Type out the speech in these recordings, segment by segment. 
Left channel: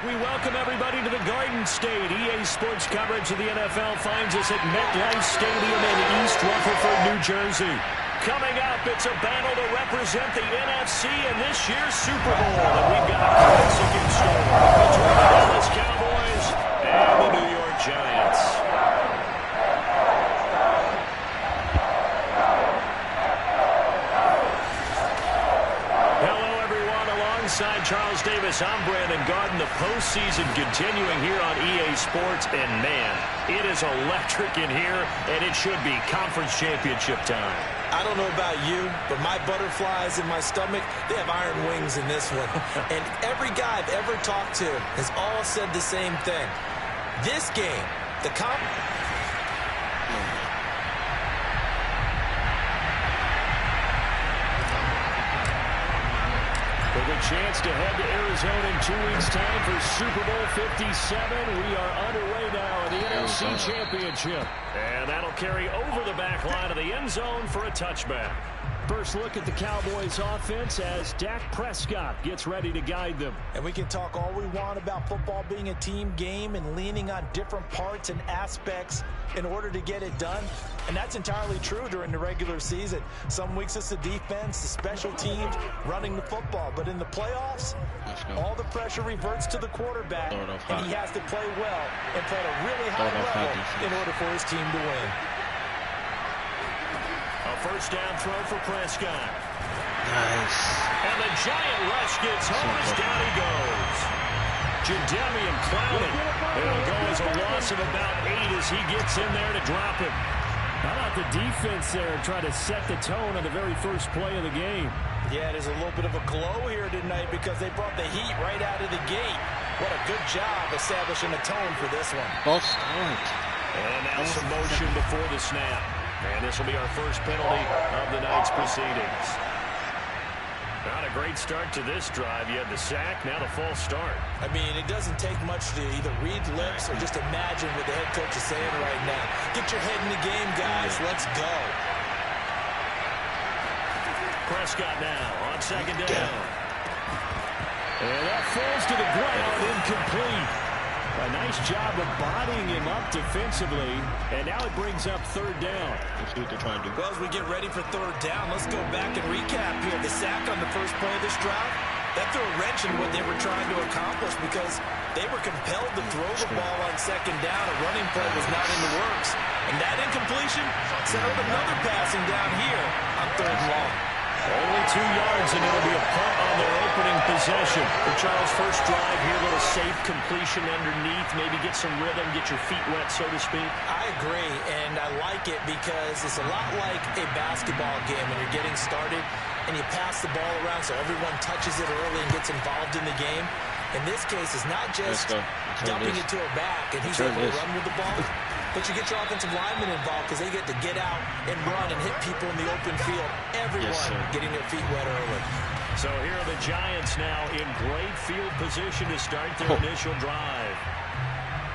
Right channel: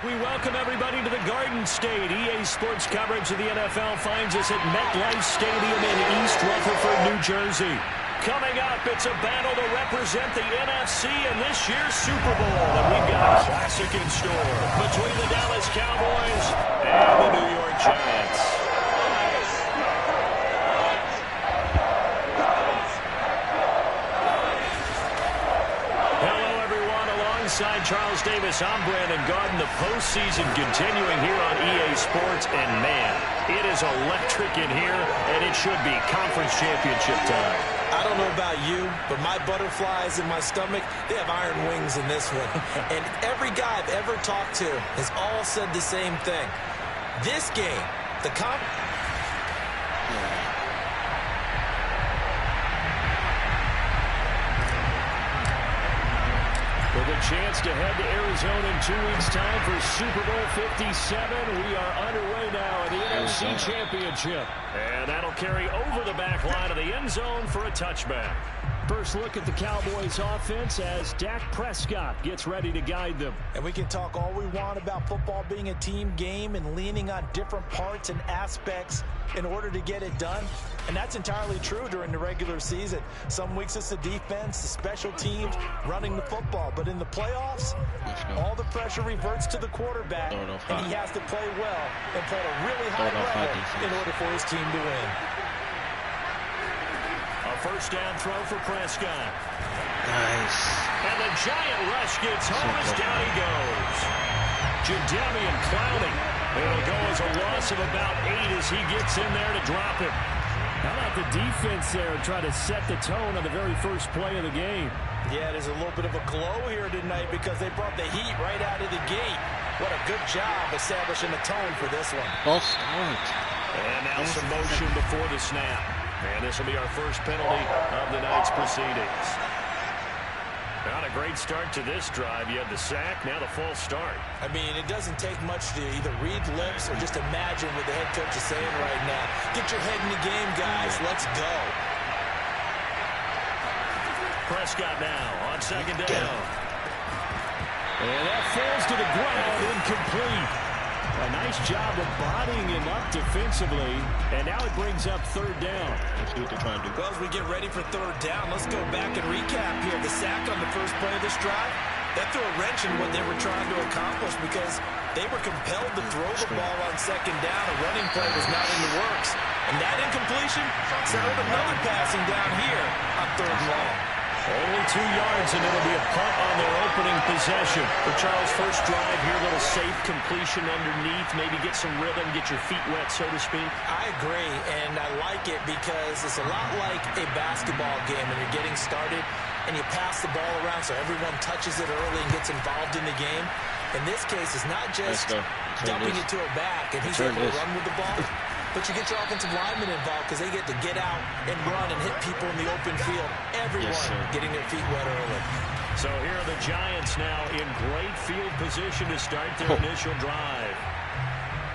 We welcome everybody to the Garden State. EA Sports coverage of the NFL finds us at MetLife Stadium in East Rutherford, New Jersey. Coming up, it's a battle to represent the NFC in this year's Super Bowl. And we've got a classic in store between the Dallas Cowboys and the New York Giants. Alongside Charles Davis, I'm Brandon Gaudin. The postseason continuing here on EA Sports. And, man, it is electric in here, and it should be conference championship time. I don't know about you, but my butterflies in my stomach, they have iron wings in this one. And every guy I've ever talked to has all said the same thing. This game, the With a chance to head to Arizona in 2 weeks' time for Super Bowl 57. We are underway now in the NFC Championship. And that'll carry over the back line of the end zone for a touchback. First look at the Cowboys offense as Dak Prescott gets ready to guide them. And we can talk all we want about football being a team game and leaning on different parts and aspects in order to get it done. And that's entirely true during the regular season. Some weeks it's the defense, the special teams, running the football. But in the playoffs, all the pressure reverts to the quarterback, and he has to play well and play at a really high level in order for his team to win. A first down throw for Prescott. Nice. And the giant rush gets home as down he goes. Jadeveon Clowney. It'll go as a loss of about 8 as he gets in there to drop him. How about the defense there try to set the tone on the very first play of the game? Yeah, there's a little bit of a glow here tonight because they brought the heat right out of the gate. What a good job establishing a tone for this one. False start. And now some motion before the snap. And this will be our first penalty of the night's proceedings. Not a great start to this drive. You had the sack, now the false start. I mean, it doesn't take much to either read lips or just imagine what the head coach is saying right now. Get your head in the game, guys. Let's go. Prescott now on second down. And that falls to the ground, incomplete. A nice job of bodying him up defensively, and now it brings up third down. Let's see what they're trying to do. Well, as we get ready for third down, let's go back and recap here. The sack on the first play of this drive, that threw a wrench in what they were trying to accomplish because they were compelled to throw the ball on second down. A running play was not in the works. And that incompletion set up another passing down here on third and long. Only 2 yards, and it'll be a punt on their opening possession. For Charles' first drive here, a little safe completion underneath. Maybe get some rhythm, get your feet wet, so to speak. I agree, and I like it because it's a lot like a basketball game when you're getting started and you pass the ball around so everyone touches it early and gets involved in the game. In this case, it's not just dumping it to a back and he's able to run with the ball. But you get your offensive linemen involved because they get to get out and run and hit people in the open field. Everyone getting their feet wet early. So here are the Giants now in great field position to start their initial drive.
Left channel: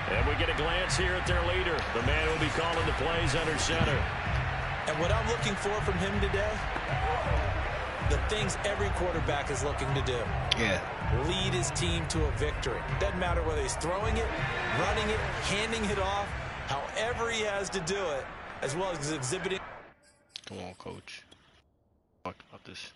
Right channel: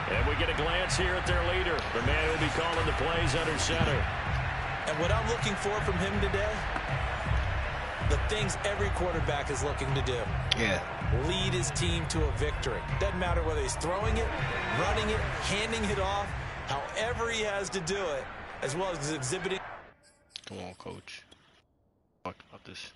And we get a glance here at their leader, the man who will be calling the plays under center. And what I'm looking for from him today, the things every quarterback is looking to do. Yeah. Lead his team to a victory. Doesn't matter whether he's throwing it, running it, handing it off. However he has to do it, as well as exhibiting. Come on, coach. Talk about this.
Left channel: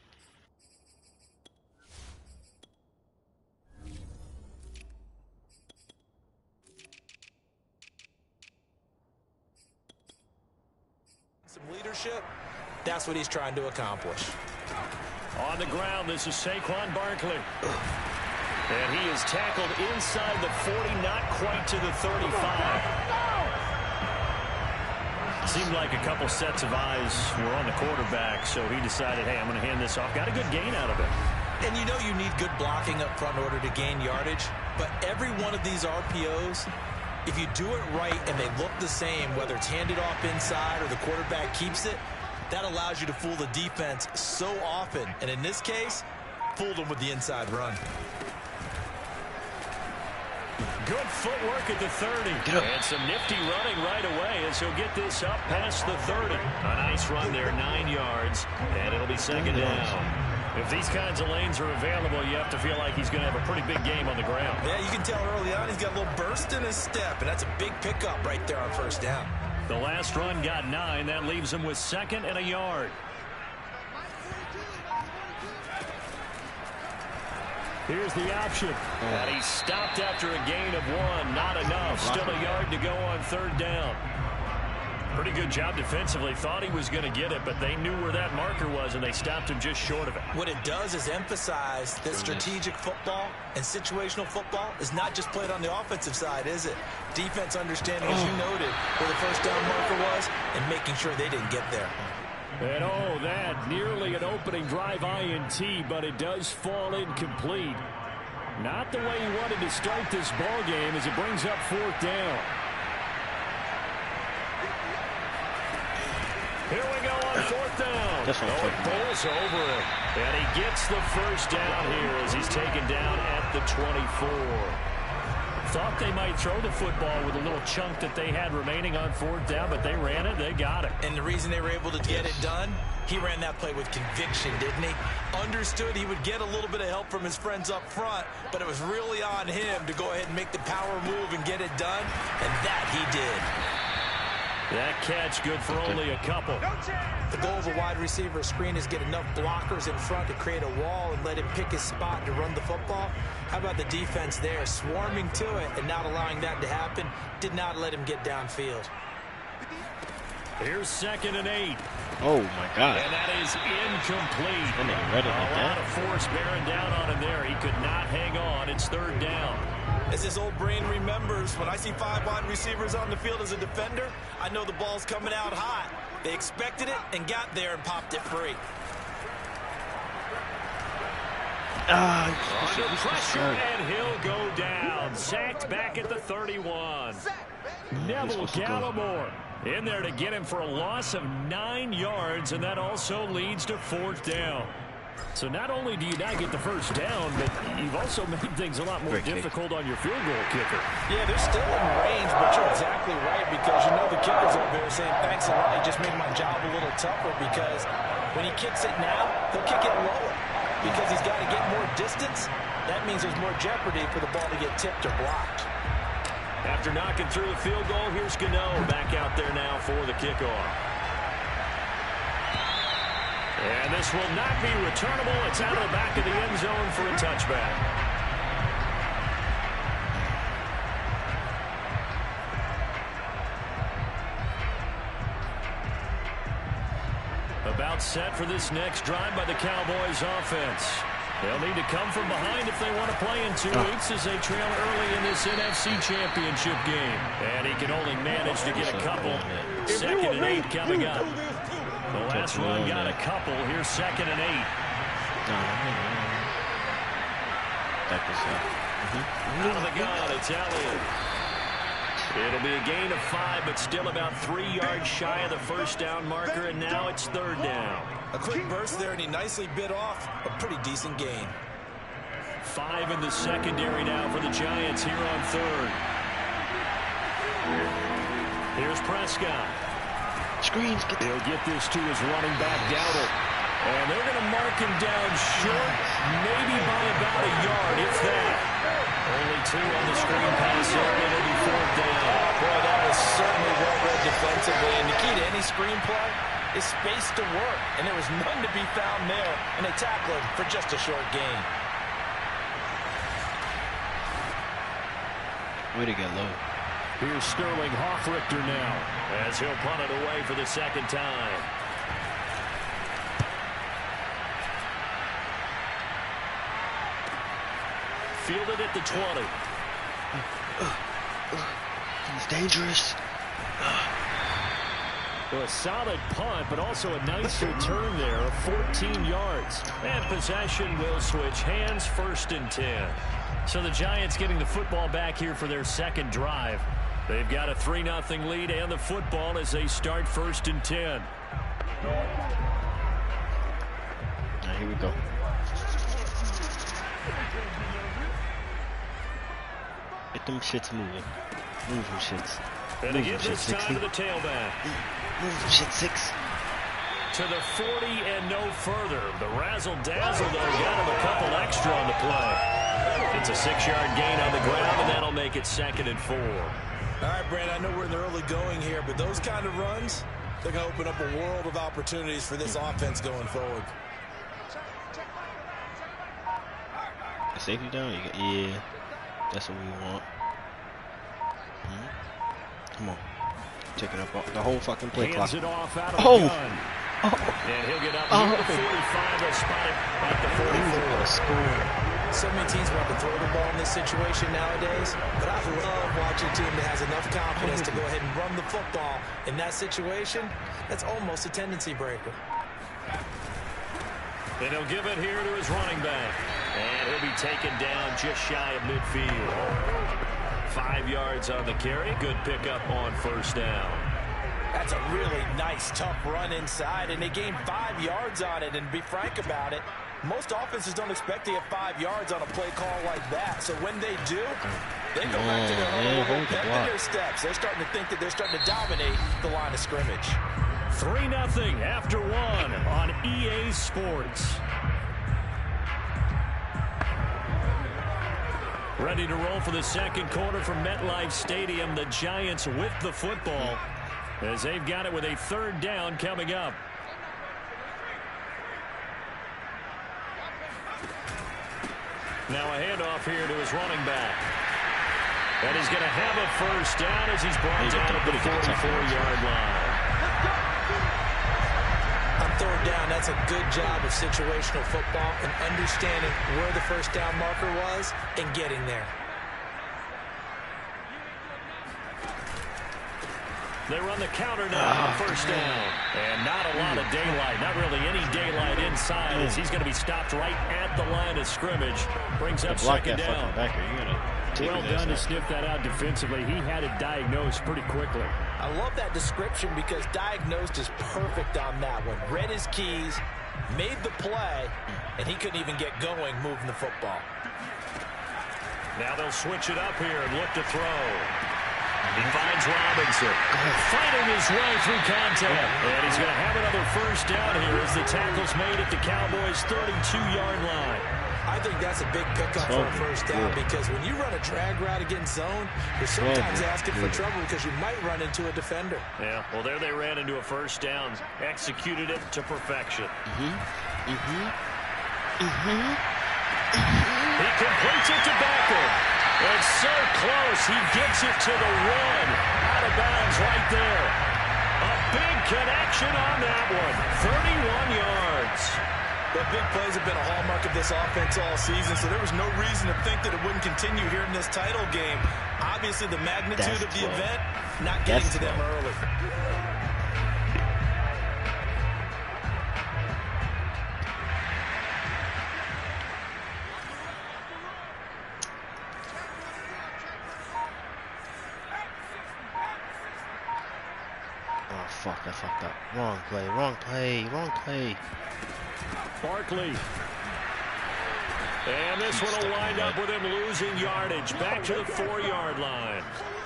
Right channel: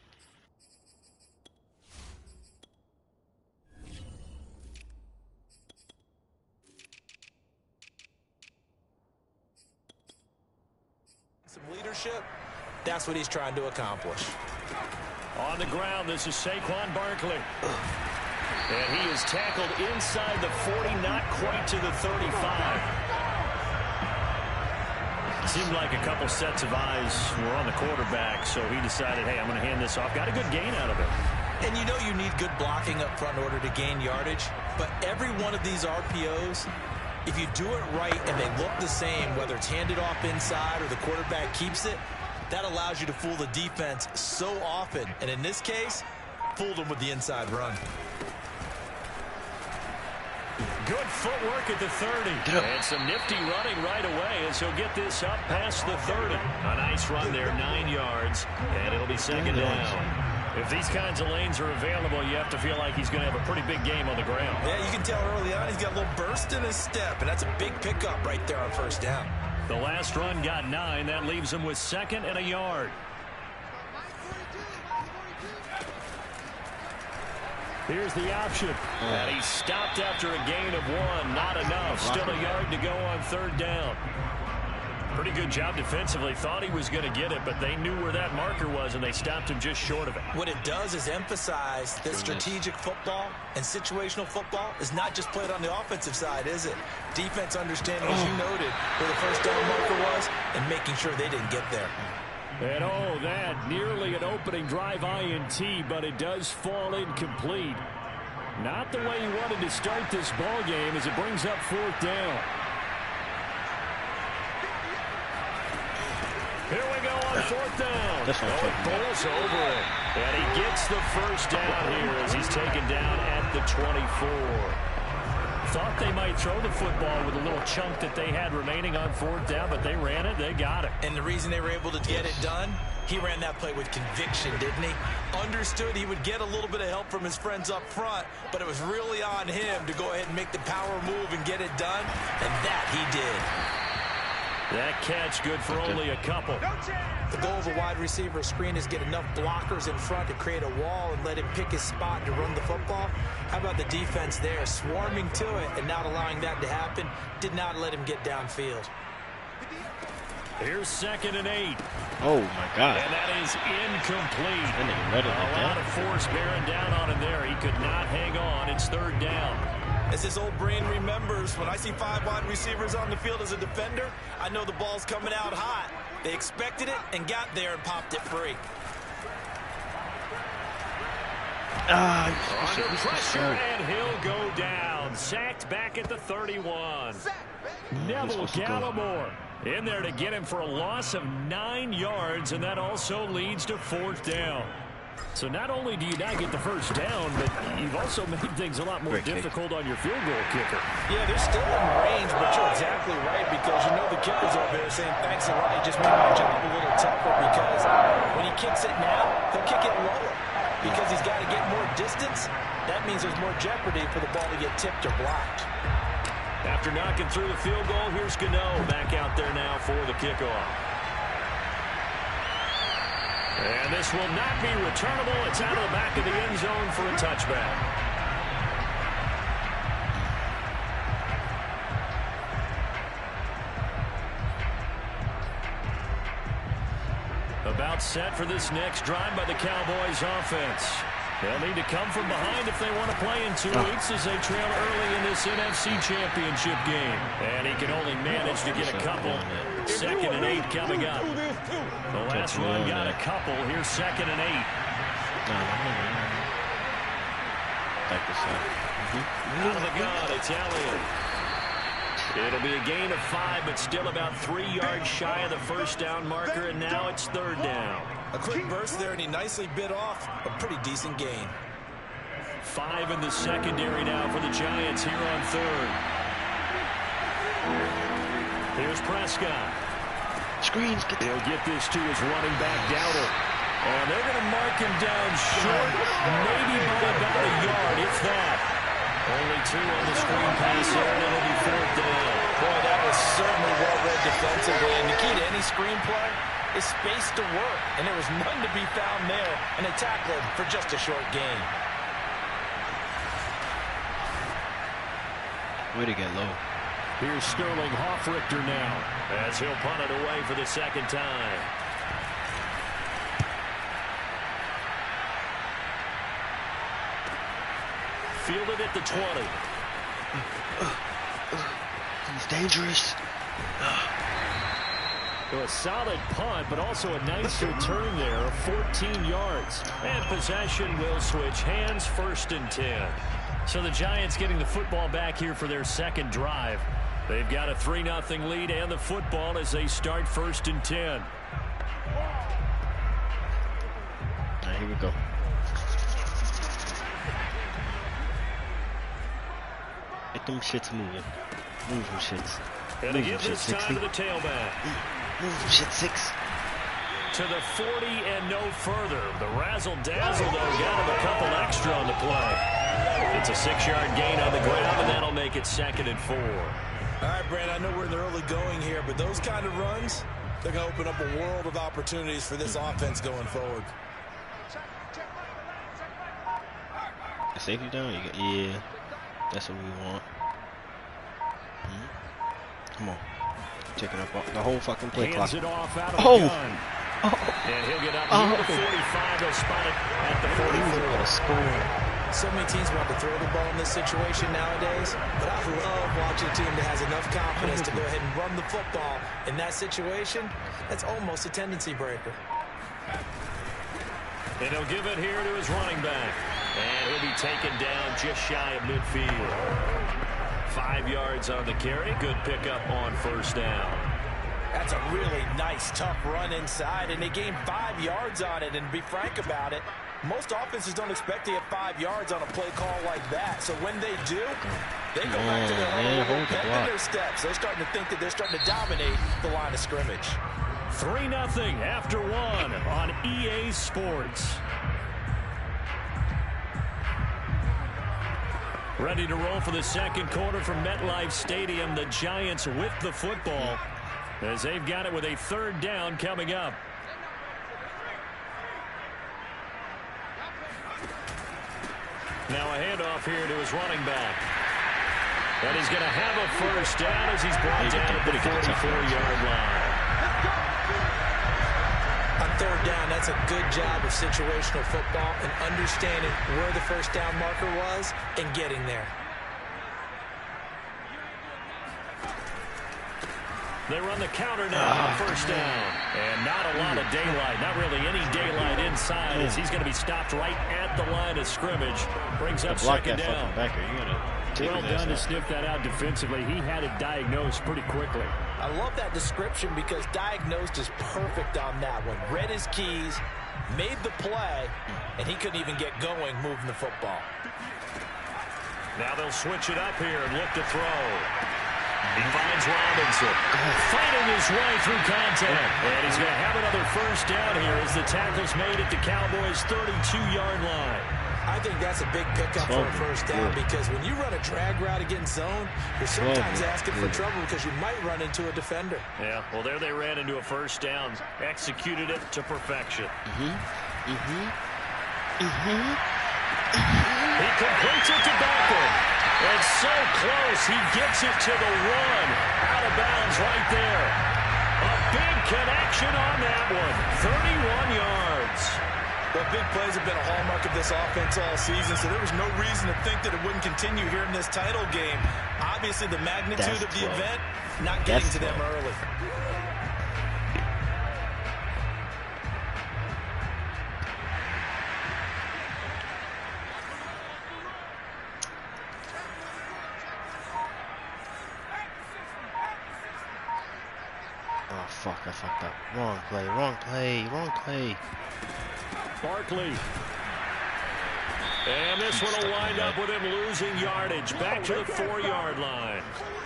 Some leadership, that's what he's trying to accomplish. On the ground, this is Saquon Barkley. And he is tackled inside the 40, not quite to the 35. Seemed like a couple sets of eyes were on the quarterback, so he decided, hey, I'm going to hand this off. Got a good gain out of it. And you know you need good blocking up front in order to gain yardage, but every one of these RPOs, if you do it right and they look the same, whether it's handed off inside or the quarterback keeps it, that allows you to fool the defense so often. And in this case, fooled them with the inside run. Good footwork at the 30. And some nifty running right away as he'll get this up past the 30. A nice run there, 9 yards. And it'll be second down. If these kinds of lanes are available, you have to feel like he's going to have a pretty big game on the ground. Yeah, you can tell early on he's got a little burst in his step, and that's a big pickup right there on first down. The last run got 9. That leaves him with 2nd and a yard. Here's the option. And he stopped after a gain of 1. Not enough. Still a yard to go on 3rd down. Pretty good job defensively. Thought he was going to get it, but they knew where that marker was, and they stopped him just short of it. What it does is emphasize that strategic football and situational football is not just played on the offensive side, is it? Defense understanding, as you noted, where the first down marker was and making sure they didn't get there. And that nearly an opening drive INT, but it does fall incomplete. Not the way he wanted to start this ball game as it brings up 4th down. Here we go on 4th down. It bowls over it. And he gets the first down here as he's taken down at the 24. Thought they might throw the football with a little chunk that they had remaining on 4th down, but they ran it. They got it. And the reason they were able to get it done, he ran that play with conviction, didn't he? Understood he would get a little bit of help from his friends up front, but it was really on him to go ahead and make the power move and get it done, and that he did. That catch good for only a couple. The goal of a wide receiver screen is get enough blockers in front to create a wall and let him pick his spot to run the football. How about the defense there, swarming to it and not allowing that to happen? Did not let him get downfield. Here's 2nd and 8. Oh, my God. And that is incomplete. A lot of force bearing down on him there. He could not hang on. It's 3rd down. As his old brain remembers, when I see 5 wide receivers on the field as a defender, I know the ball's coming out hot. They expected it and got there and popped it free. Under pressure, and he'll go down. Sacked back at the 31. Neville Gallimore in there to get him for a loss of 9 yards, and that also leads to 4th down. So not only do you not get the first down, but you've also made things a lot more difficult on your field goal kicker. Yeah, they're still in range, but you're exactly right, because you know the kicker's over there saying, thanks a lot, you just made my job a little tougher, because when he kicks it now, he'll kick it lower, because he's got to get more distance. That means there's more jeopardy for the ball to get tipped or blocked. After knocking through the field goal, here's Gano back out there now for the kickoff. And this will not be returnable. It's out of the back of the end zone for a touchback. About set for this next drive by the Cowboys offense. They'll need to come from behind if they want to play in 2 weeks as they trail early in this NFC Championship game. And he can only manage to get a couple. 2nd and 8 coming up. The last run got a couple. Here's 2nd and 8. Out of the gun, it's Elliott. It'll be a gain of 5, but still about 3 yards shy of the first down marker, and now it's 3rd down. A quick burst there, and he nicely bit off a pretty decent gain. 5 in the secondary now for the Giants here on 3rd. Here's Prescott. Screens. He'll get this to his running back, Dowdle. And they're going to mark him down short, maybe by about a yard, if that. Only 2 on the screen pass there, and it'll be 4th down. Boy, that was certainly well-read defensively. And the key to any screenplay is space to work. And there was none to be found there. And they tackle him for just a short gain. Way to get low. Here's Sterling Hoffrichter now as he'll punt it away for the 2nd time. Fielded at the 20. He's dangerous. So a solid punt, but also a nice return there of 14 yards. And possession will switch hands, 1st and 10. So the Giants getting the football back here for their 2nd drive. They've got a 3-0 lead and the football as they start 1st and 10. Here we go. Get them shits moving. Move them shits. And they give this time to the tailback. Move them shit, 6. to the 40 and no further. The razzle-dazzle, though, got him a couple extra on the play. It's a 6-yard gain on the ground, and that'll make it 2nd and 4. All right, Brand, I know we're in the early going here, but those kind of runs, they're going to open up a world of opportunities for this offense going forward. Safety down? Yeah, that's what we want. Come on. Taking up the whole fucking play clock. It off out of the gun. And he'll get up near the 45. They'll spot it at the 44. Score. So many teams want to throw the ball in this situation nowadays, but I love watching a team that has enough confidence to go ahead and run the football. In that situation, that's almost a tendency breaker. And he'll give it here to his running back. And he'll be taken down just shy of midfield. 5 yards on the carry. Good pickup on 1st down. That's a really nice, tough run inside, and they gained 5 yards on it. And to be frank about it, most offenses don't expect to get 5 yards on a play call like that. So when they do, they go back to their whole pep in their steps. They're starting to think that they're starting to dominate the line of scrimmage. 3-0 after 1 on EA Sports. Ready to roll for the 2nd quarter from MetLife Stadium. The Giants with the football as they've got it with a 3rd down coming up. Now a handoff here to his running back. And he's going to have a 1st down as he's brought down at the 44-yard line. On 3rd down, that's a good job of situational football and understanding where the 1st down marker was and getting there. They run the counter now on 1st down. And not a lot of daylight. Not really any daylight inside as he's going to be stopped right at the line of scrimmage. Brings up 2nd down. Well done to sniff that out defensively. He had it diagnosed pretty quickly. I love that description because diagnosed is perfect on that one. Read his keys, made the play, and he couldn't even get going moving the football. Now they'll switch it up here and look to throw. He finds Robinson, fighting his way through contact. And he's going to have another 1st down here as the tackle's made at the Cowboys' 32-yard line. I think that's a big pickup for a 1st down because when you run a drag route against zone, you're sometimes asking for trouble because you might run into a defender. Yeah, well, there they ran into a 1st down, executed it to perfection. He completes it to Beckham. And so close, he gets it to the 1. Out of bounds right there. A big connection on that one. 31 yards. But big plays have been a hallmark of this offense all season, so there was no reason to think that it wouldn't continue here in this title game. Obviously, the magnitude of the event, not getting to them early. Oh, fuck, I fucked up. Wrong play. Barkley. And this one will wind up with him losing yardage. Back to the 4-yard line.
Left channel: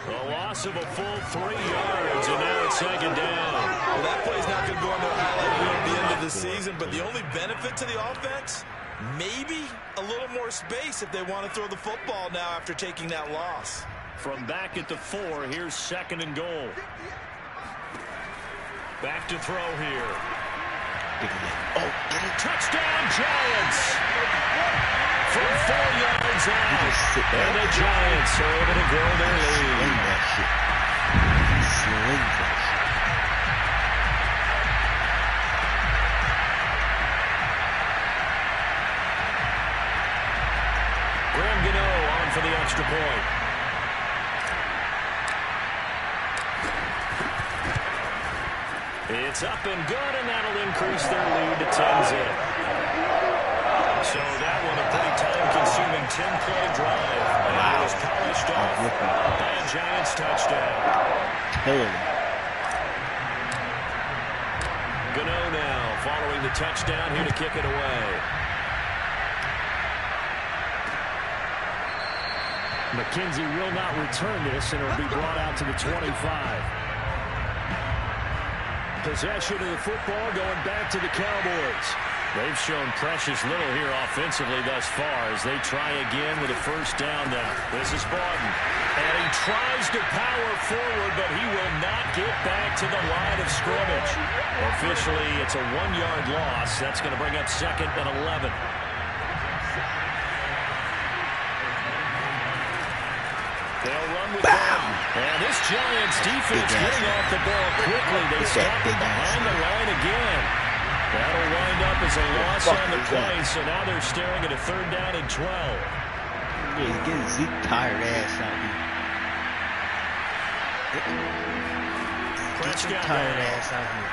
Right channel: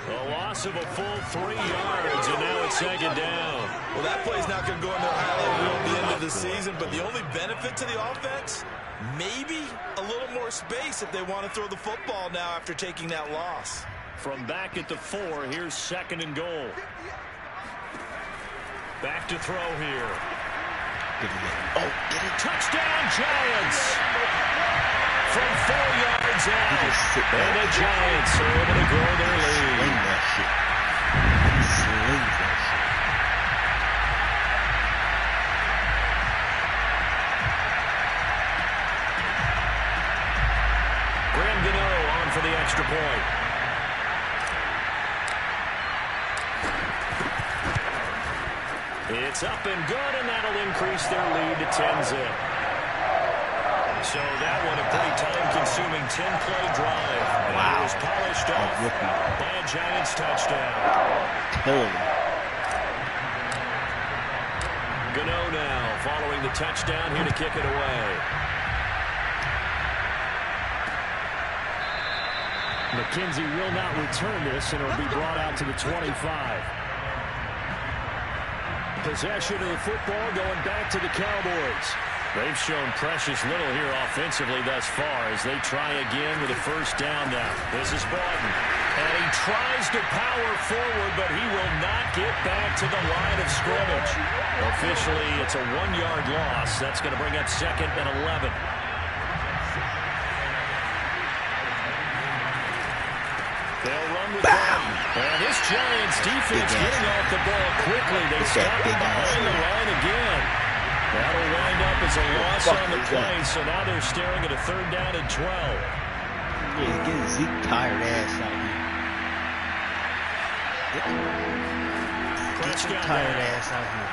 A loss of a full 3 yards, and now it's 2nd down. Well, that play's not going to go on their highlight reel at the end of the season, but the only benefit to the offense, maybe a little more space if they want to throw the football now after taking that loss. From back at the 4, here's 2nd and goal. Back to throw here. Touchdown, Giants! From 4 yards out. And the Giants are able to grow their lead. Sling that shit. He slings that shit. Graham Gano on for the extra point. It's up and good, and that'll increase their lead to 10-zip. So that one a pretty time-consuming 10-play drive. And it was polished off by a Giants touchdown. Killing him. Gano now following the touchdown here to kick it away. McKenzie will not return this, and it'll be brought out to the 25. Possession of the football going back to the Cowboys. They've shown precious little here offensively thus far as they try again with a first down now. This is Bawden. And he tries to power forward, but he will not get back to the line of scrimmage. Officially, it's a 1-yard loss. That's going to bring up 2nd and 11. They'll run with Bawden. And this Giants defense getting off the ball quickly. They stop him behind the line again. That'll wind up as a loss on the play, so now they're staring at a 3rd down and 12. Yeah, he's getting Zeke tired ass out here. Get your tired ass out here.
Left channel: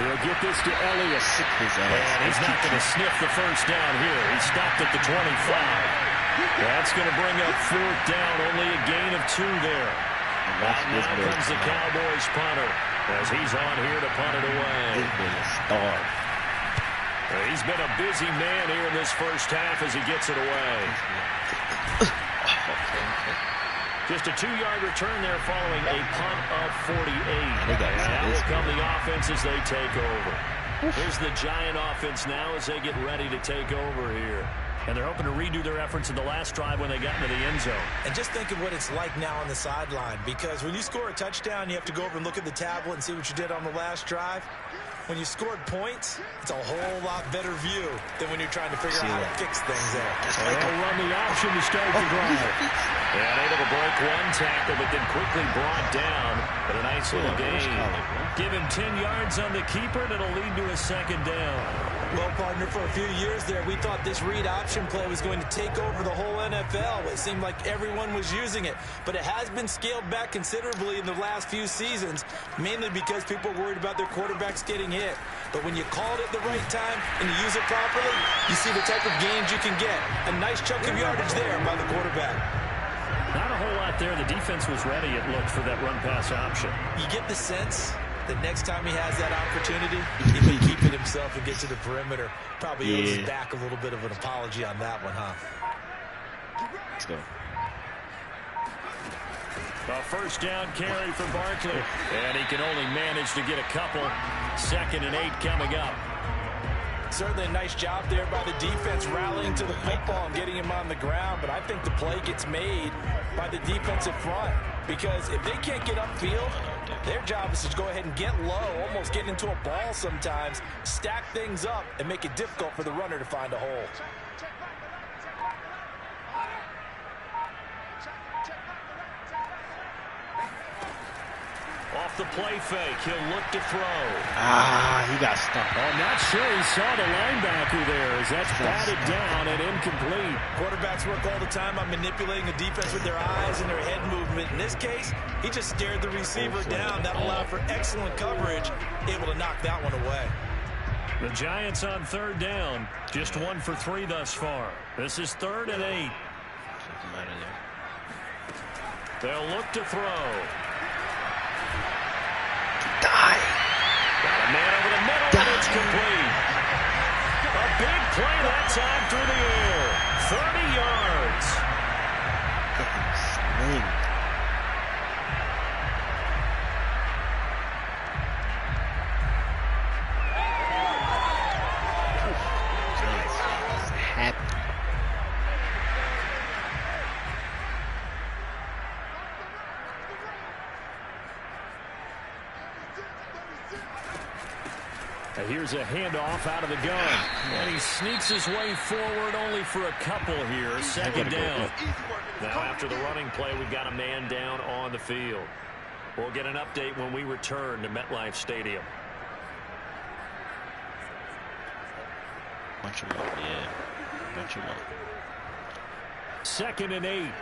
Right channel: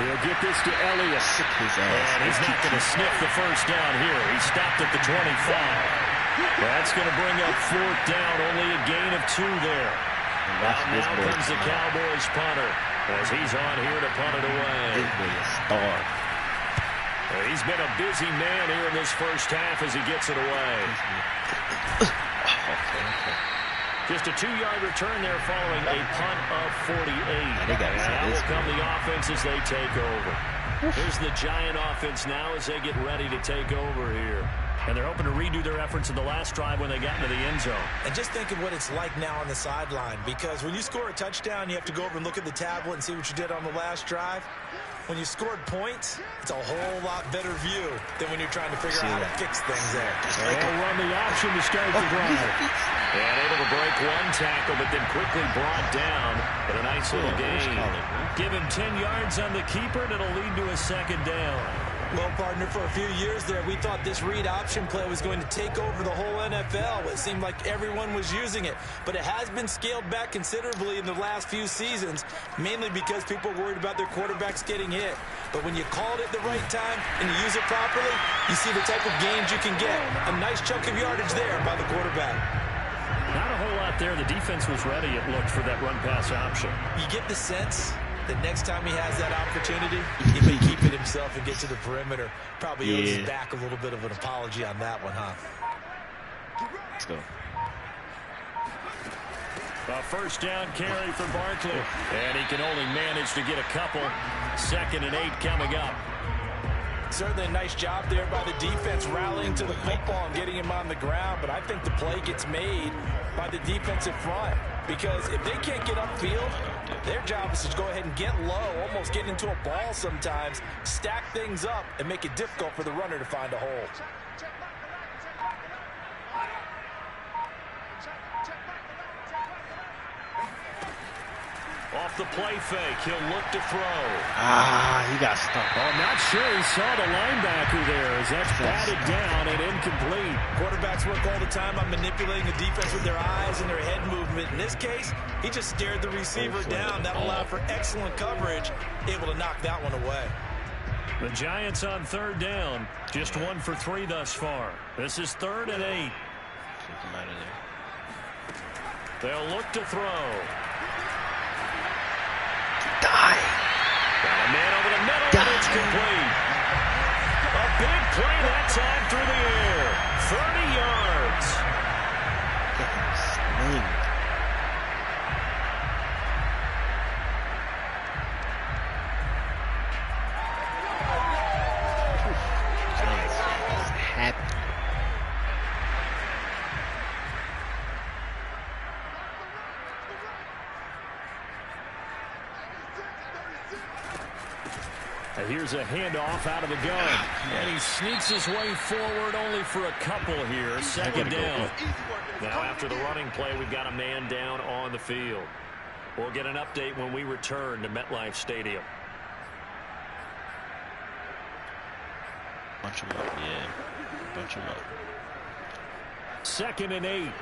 He'll get this to Elliott. And he's not going to sniff the first down here. He stopped at the 25. That's going to bring up 4th down, only a gain of 2 there. Now comes the Cowboys punter as he's on here to punt it away. This boy is star. He's been a busy man here in this first half as he gets it away. Okay. Just a 2-yard return there following a punt of 48. And that will come the offense as they take over. Here's the Giant offense now as they get ready to take over here. And they're hoping to redo their efforts in the last drive when they got into the end zone. And just think of what it's like now on the sideline, because when you score a touchdown, you have to go over and look at the tablet and see what you did on the last drive. When you scored points, it's a whole lot better view than when you're trying to figure out how to fix things there. They'll run the option to start the drive. And able to break 1 tackle, but then quickly brought down. But a nice little gain. Give him 10 yards on the keeper, and it'll lead to a 2nd down. Well, partner, for a few years there, we thought this read option play was going to take over the whole NFL. It seemed like everyone was using it. But it has been scaled back considerably in the last few seasons, mainly because people are worried about their quarterbacks getting hit. But when you call it at the right time and you use it properly, you see the type of gains you can get. A nice chunk of yardage there by the quarterback. Not a whole lot there. The defense was ready, it looked, for that run-pass option. You get the sense that next time he has that opportunity, he may keep it himself and get to the perimeter. Probably owes his back a little bit of an apology on that one, huh? Let's go. A first down carry for Barkley. And he can only manage to get a couple. 2nd and 8 coming up. Certainly a nice job there by the defense rallying to the football and getting him on the ground. But I think the play gets made by the defensive front. Because if they can't get upfield, their job is to go ahead and get low, almost get into a ball sometimes, stack things up, and make it difficult for the runner to find a hole. Off the play fake, he'll look to throw. He got stuck. Oh, not sure he saw the linebacker there as that's batted down and incomplete. Quarterbacks work all the time on manipulating the defense with their eyes and their head movement. In this case, he just stared the receiver down. That allowed for excellent coverage, able to knock that one away. The Giants on 3rd down, just 1 for 3 thus far. This is 3rd and 8. Take him out of there. They'll look to throw. Got a man over the middle, and it's complete. A big play that time through the air. 30 yards. Sling. Giants happy. Here's a handoff out of the gun. And he sneaks his way forward only for a couple here. 2nd down. Now after the running play, we've got a man down on the field. We'll get an update when we return to MetLife Stadium. Bunch them up, Bunch them up. 2nd and 8.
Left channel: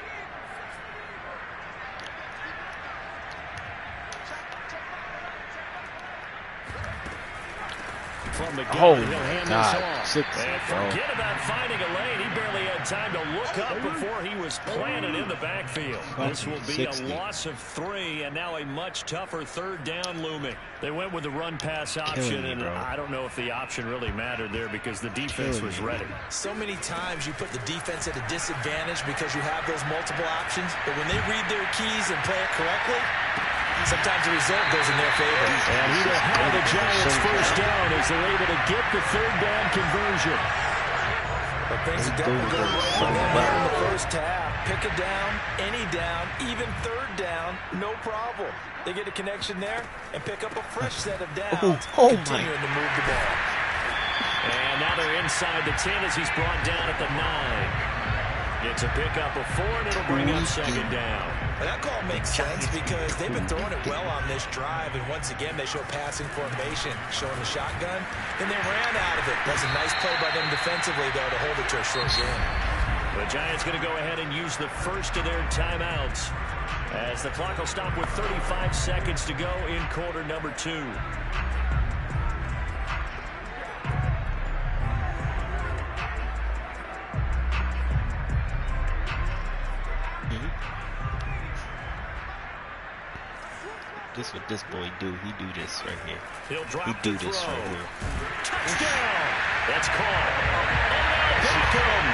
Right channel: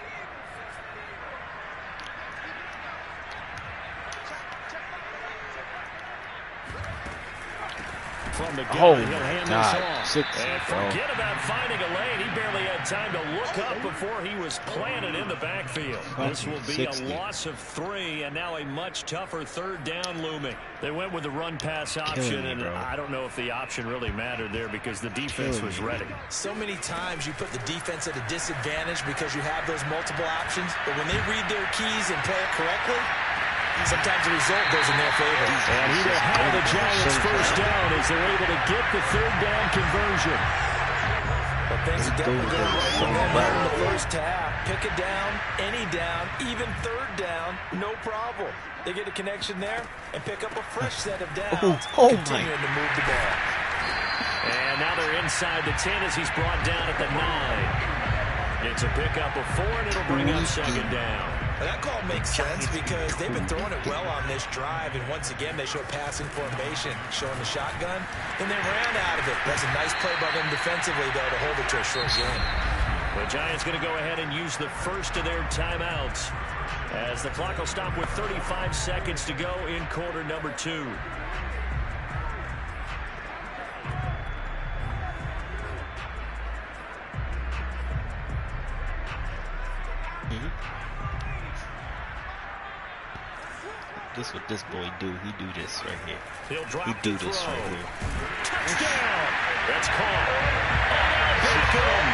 From the gun, he'll hand this off. And forget about finding a lane. He barely had time to look up before he was planted in the backfield. This will be a loss of 3, and now a much tougher 3rd down looming. They went with the run-pass option, and I don't know if the option really mattered there because the defense was ready. So many times you put the defense at a disadvantage because you have those multiple options, but when they read their keys and play it correctly, sometimes the result goes in their favor. And he will have the Giants first down as they're able to get the third down conversion. But things are definitely going right for them here in the first half. Pick a down, any down, even third down, no problem. They get a connection there and pick up a fresh set of downs, continuing to move the ball. And now they're inside the 10 as he's brought down at the 9. It's a pickup of 4, and it'll bring up second down. That call makes sense because they've been throwing it well on this drive, and once again they show passing formation, showing the shotgun, and they ran out of it. That's a nice play by them defensively, though, to hold it to a short game. The Giants going to go ahead and use the first of their timeouts as the clock will stop with 35 seconds to go in quarter number 2. This what this boy do. He do this right here. He'll drop he do this right here. Touchdown! That's caught. Odell Beckham!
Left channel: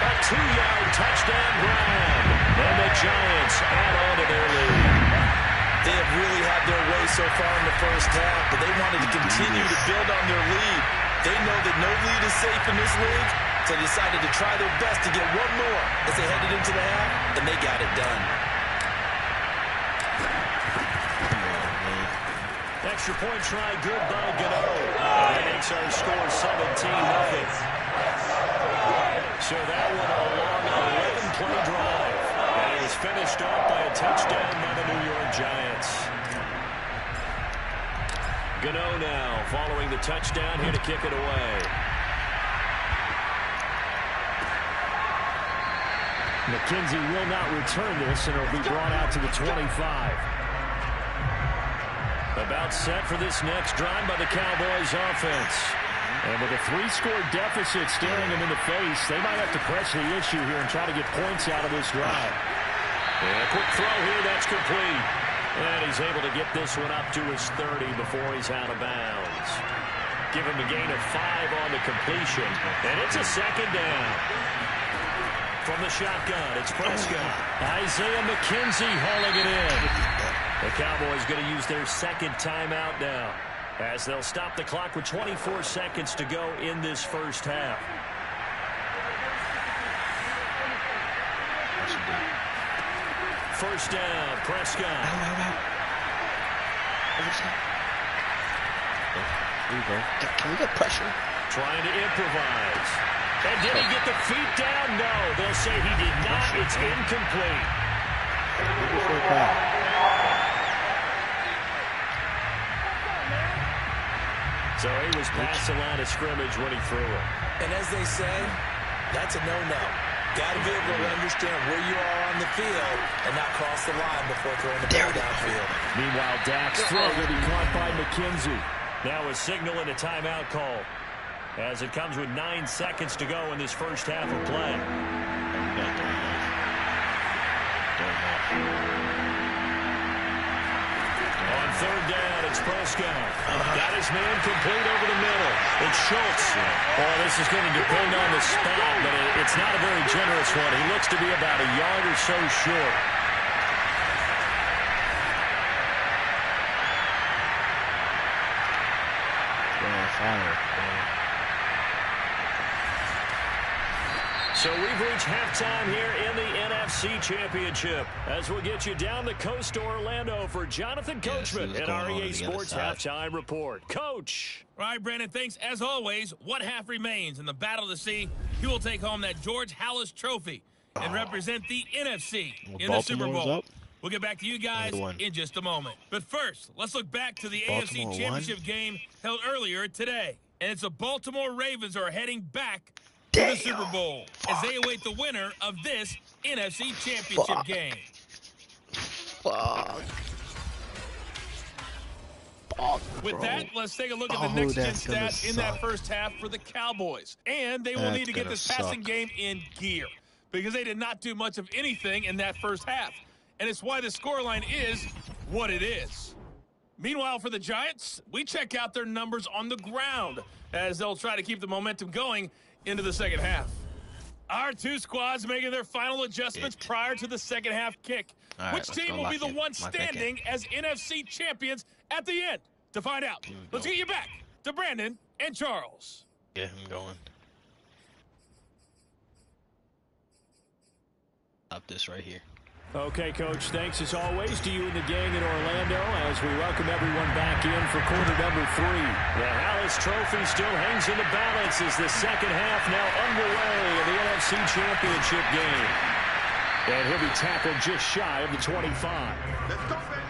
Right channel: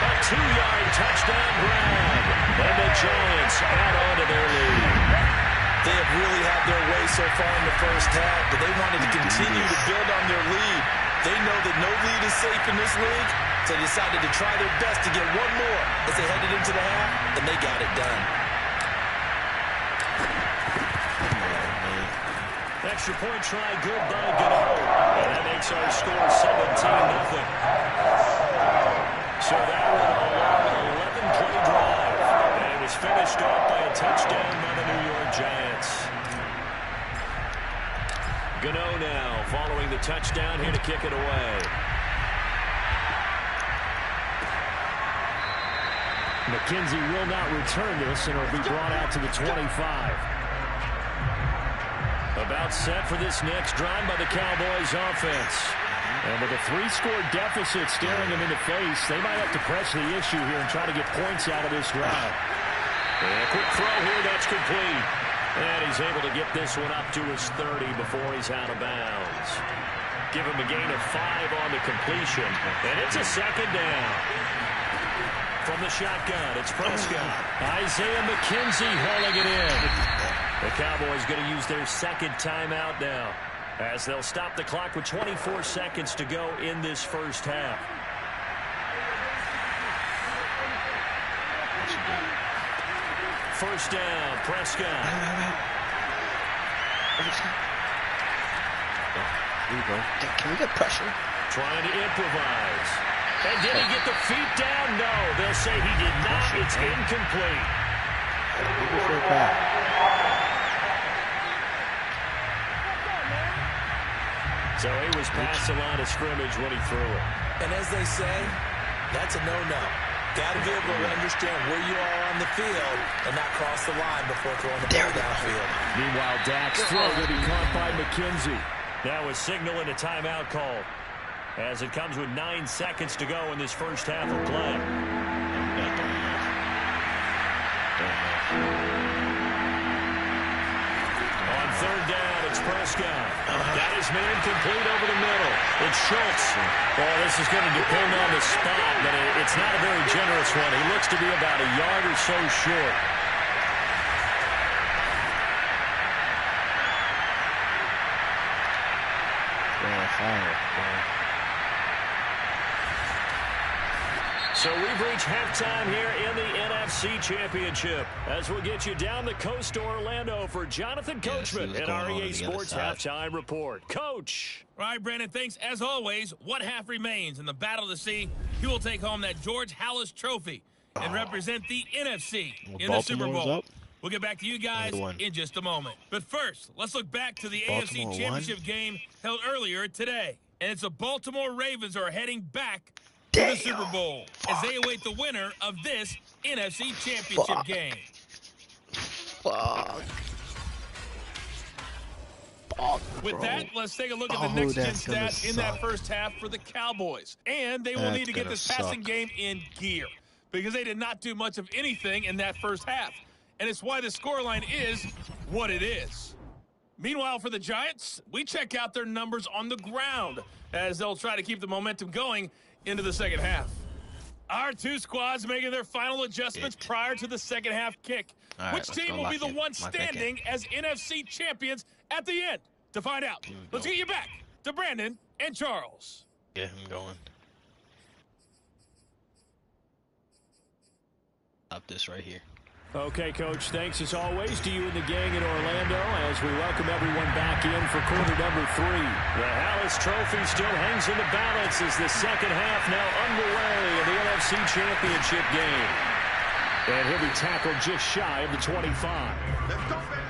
A 2-yard touchdown grab. And the Giants add on to their lead. They have really had their way so far in the first half, but they wanted to continue to build on their lead. They know that no lead is safe in this league, so they decided to try their best to get one more as they headed into the half, and they got it done. Extra point try good by Gano. And that makes our score 17-0. So that one a long 11-play drive. And it was finished off by a touchdown by the New York Giants. Gano now following the touchdown here to kick it away. McKenzie will not return this, and it'll be brought out to the 25. About set for this next drive by the Cowboys offense. And with a 3-score deficit staring them in the face, they might have to press the issue here and try to get points out of this drive. And a quick throw here, that's complete. And he's able to get this one up to his 30 before he's out of bounds. Give him a gain of 5 on the completion. And it's a second down. From the shotgun, it's Prescott. Isaiah McKenzie hauling it in. The Cowboys going to use their second timeout now as they'll stop the clock with 24 seconds to go in this first half. First down, Prescott. There you go. Can we get pressure? Trying to improvise. And did he get the feet down? No, they'll say he did not. It's incomplete. So he was past the line of scrimmage when he threw it. And as they say, that's a no-no. Got to be able to understand where you are on the field and not cross the line before throwing the ball downfield. Meanwhile, Dak's throw going to be caught by McKenzie. Now a signal and a timeout call as it comes with 9 seconds to go in this first half of play. On third down, it's Prescott. Got his man complete over the middle. It's Schultz. Oh, this is going to depend on the spot, but it's not a very generous one. He looks to be about a yard or so short. Fire. So we've reached halftime here in the NFC Championship as we'll get you down the coast to Orlando for Jonathan Coachman and our EA Sports Halftime Report. Coach. All right, Brandon, thanks. As always, one half remains in the Battle of the Sea. He will take home that George Halas Trophy and represent the NFC in the Super Bowl. Up. We'll get back to you guys in just a moment. But first, let's look back to the AFC Championship game held earlier today. And it's the Baltimore Ravens who are heading back to the Super Bowl as they await the winner of this NFC Championship game. With that, let's take a look at the next-gen stats in that first half for the Cowboys. And they will need to get this passing game in gear because they did not do much of anything in that first half. And it's why the scoreline is what it is. Meanwhile, for the Giants, we check out their numbers on the ground as they'll try to keep the momentum going into the second half. Our two squads making their final adjustments prior to the second half kick. Right, which team will be the one standing as NFC champions at the end? To find out, let's get you back to Brandon and Charles. Yeah, I'm going. Stop this right here. Okay, Coach, thanks as always to you and the gang in Orlando as we welcome everyone back in for quarter number 3. The Hallis Trophy still hangs in the balance as the second half now underway in the NFC Championship game. And he'll be tackled just shy of the 25. Let's go, baby.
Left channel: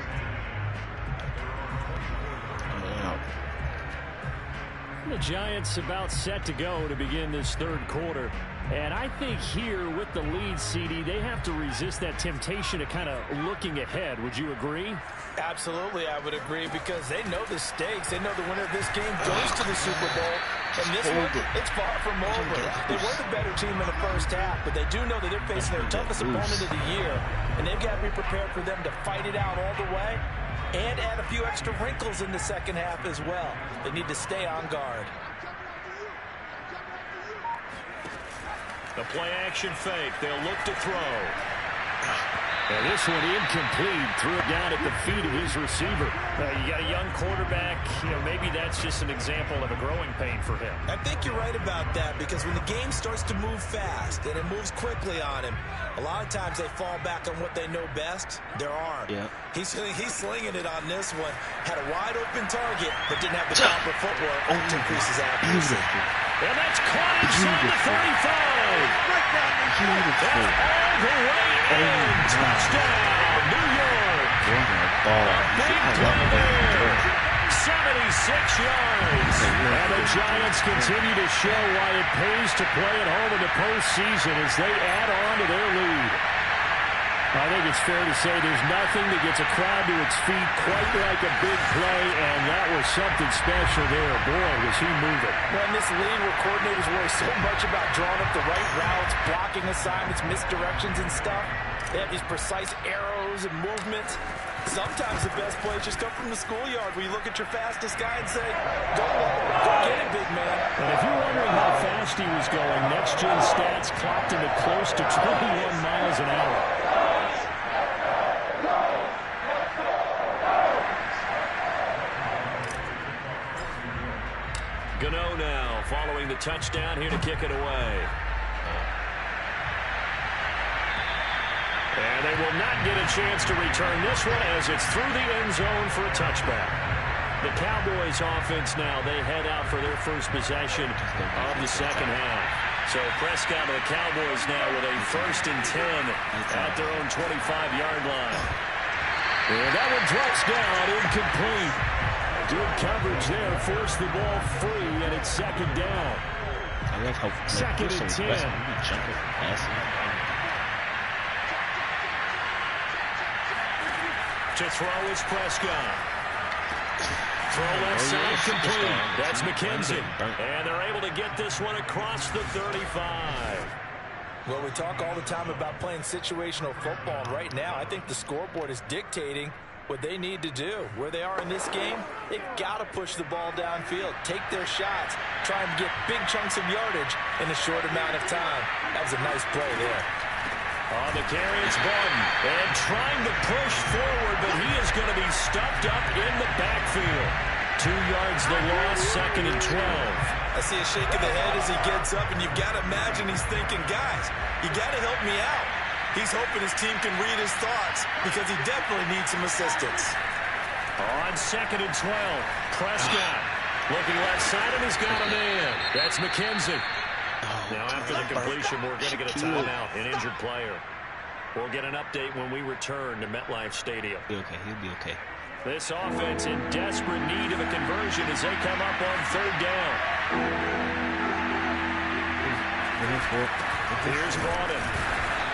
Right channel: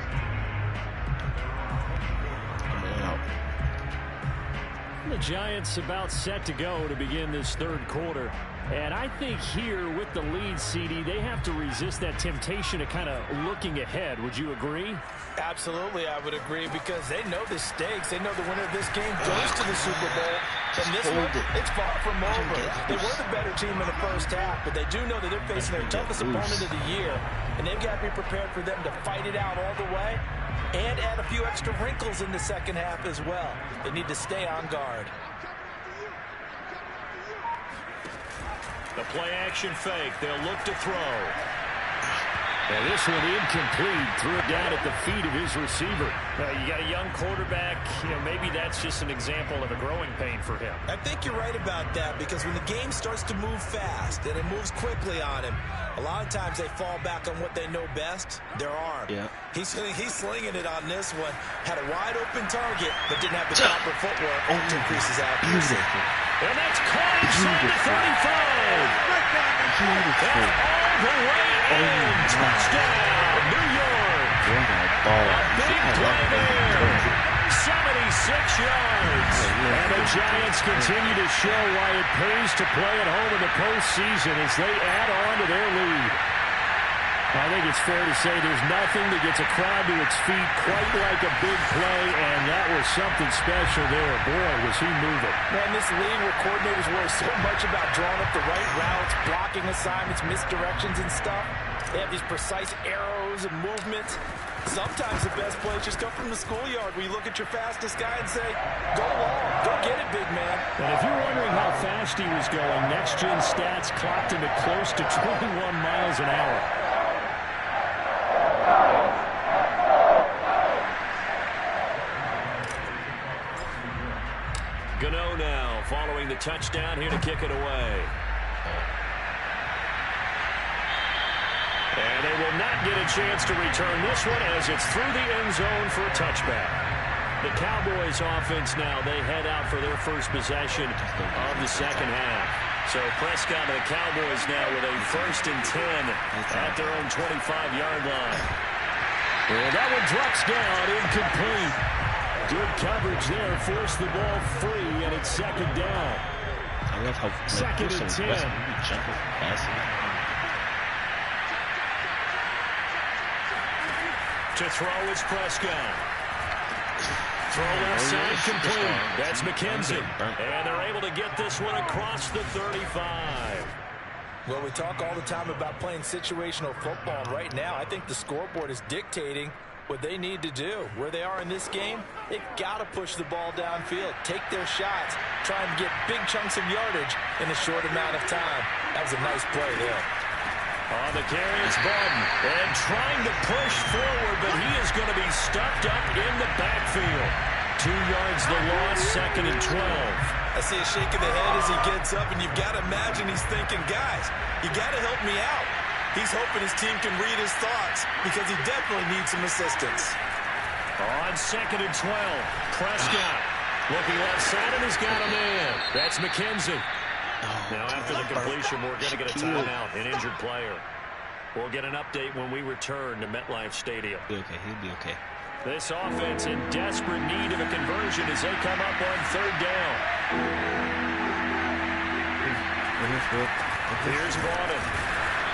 The Giants about set to go to begin this third quarter. And I think here with the lead, CD, they have to resist that temptation of kind of looking ahead. Would you agree? Absolutely, I would agree, because they know the stakes. They know the winner of this game goes to the Super Bowl. And this one, it's far from over. They were the better team in the first half, but they do know that they're facing their toughest opponent of the year. And they've got to be prepared for them to fight it out all the way and add a few extra wrinkles in the second half as well. They need to stay on guard. The play action fake. They'll look to throw. And this one incomplete. Threw it down at the feet of his receiver. You got a young quarterback. Maybe that's just an example of a growing pain for him. I think you're right about that, because when the game starts to move fast and it moves quickly on him, a lot of times they fall back on what they know best, their arm. Yeah. He's slinging it on this one. Had a wide open target, but didn't have the proper footwork to increase his accuracy. And that's caught inside the 35. That's all the way in. Touchdown, New York. A big play there. 76 yards. And the Giants continue to show why it pays to play at home in the postseason as they add on to their lead. I think it's fair to say there's nothing that gets a crowd to its feet quite like a big play, and that was something special there. Boy, was he moving. Man, this league where coordinators worry so much about drawing up the right routes, blocking assignments, misdirections and stuff. They have these precise arrows and movements. Sometimes the best plays just come from the schoolyard where you look at your fastest guy and say, go long, go get it, big man. And if you're wondering how fast he was going, Next Gen Stats clocked him at close to 21 miles an hour. Gano now following the touchdown here to kick it away. And they will not get a chance to return this one as it's through the end zone for a touchback. The Cowboys offense now, they head out for their first possession of the second half. So Prescott and the Cowboys now with a 1st and 10 at their own 25-yard line. And that one drops down, incomplete. Good coverage there, forced the ball free, and it's second down. I love how second and 10. Jumping from passing. To throw is Prescott. Throw left side complete. That's McKenzie. And they're able to get this one across the 35. Well, we talk all the time about playing situational football. And right now, I think the scoreboard is dictating what they need to do. Where they are in this game, they've got to push the ball downfield, take their shots, try and get big chunks of yardage in a short amount of time. That was a nice play there. On the carry, it's Barton. And trying to push forward, but he is going to be stuffed up in the backfield. 2 yards the loss, 2nd and 12. I see a shake of the head as he gets up, and you've got to imagine he's thinking, guys, you got to help me out. He's hoping his team can read his thoughts because he definitely needs some assistance. On 2nd and 12, Prescott looking left side, and he's got a man. That's McKenzie. Now, after the completion, we're going to get a timeout, an injured player. We'll get an update when we return to MetLife Stadium. He'll be okay. This offense in desperate need of a conversion as they come up on 3rd down. Here's Barton.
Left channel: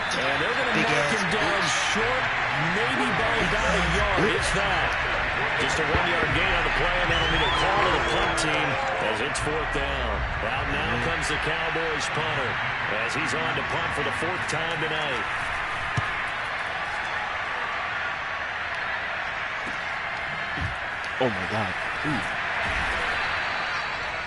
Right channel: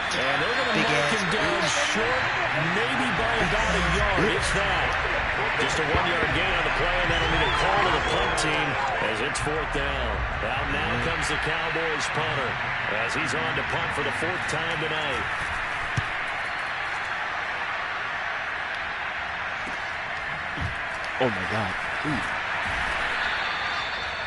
And they're going to mark him down short, maybe by about a yard, if that. Just a 1-yard gain on the play, and that'll be the call to the punt team as it's 4th down. Out now comes the Cowboys punter as he's on to punt for the 4th time tonight. Oh, my God. Ooh.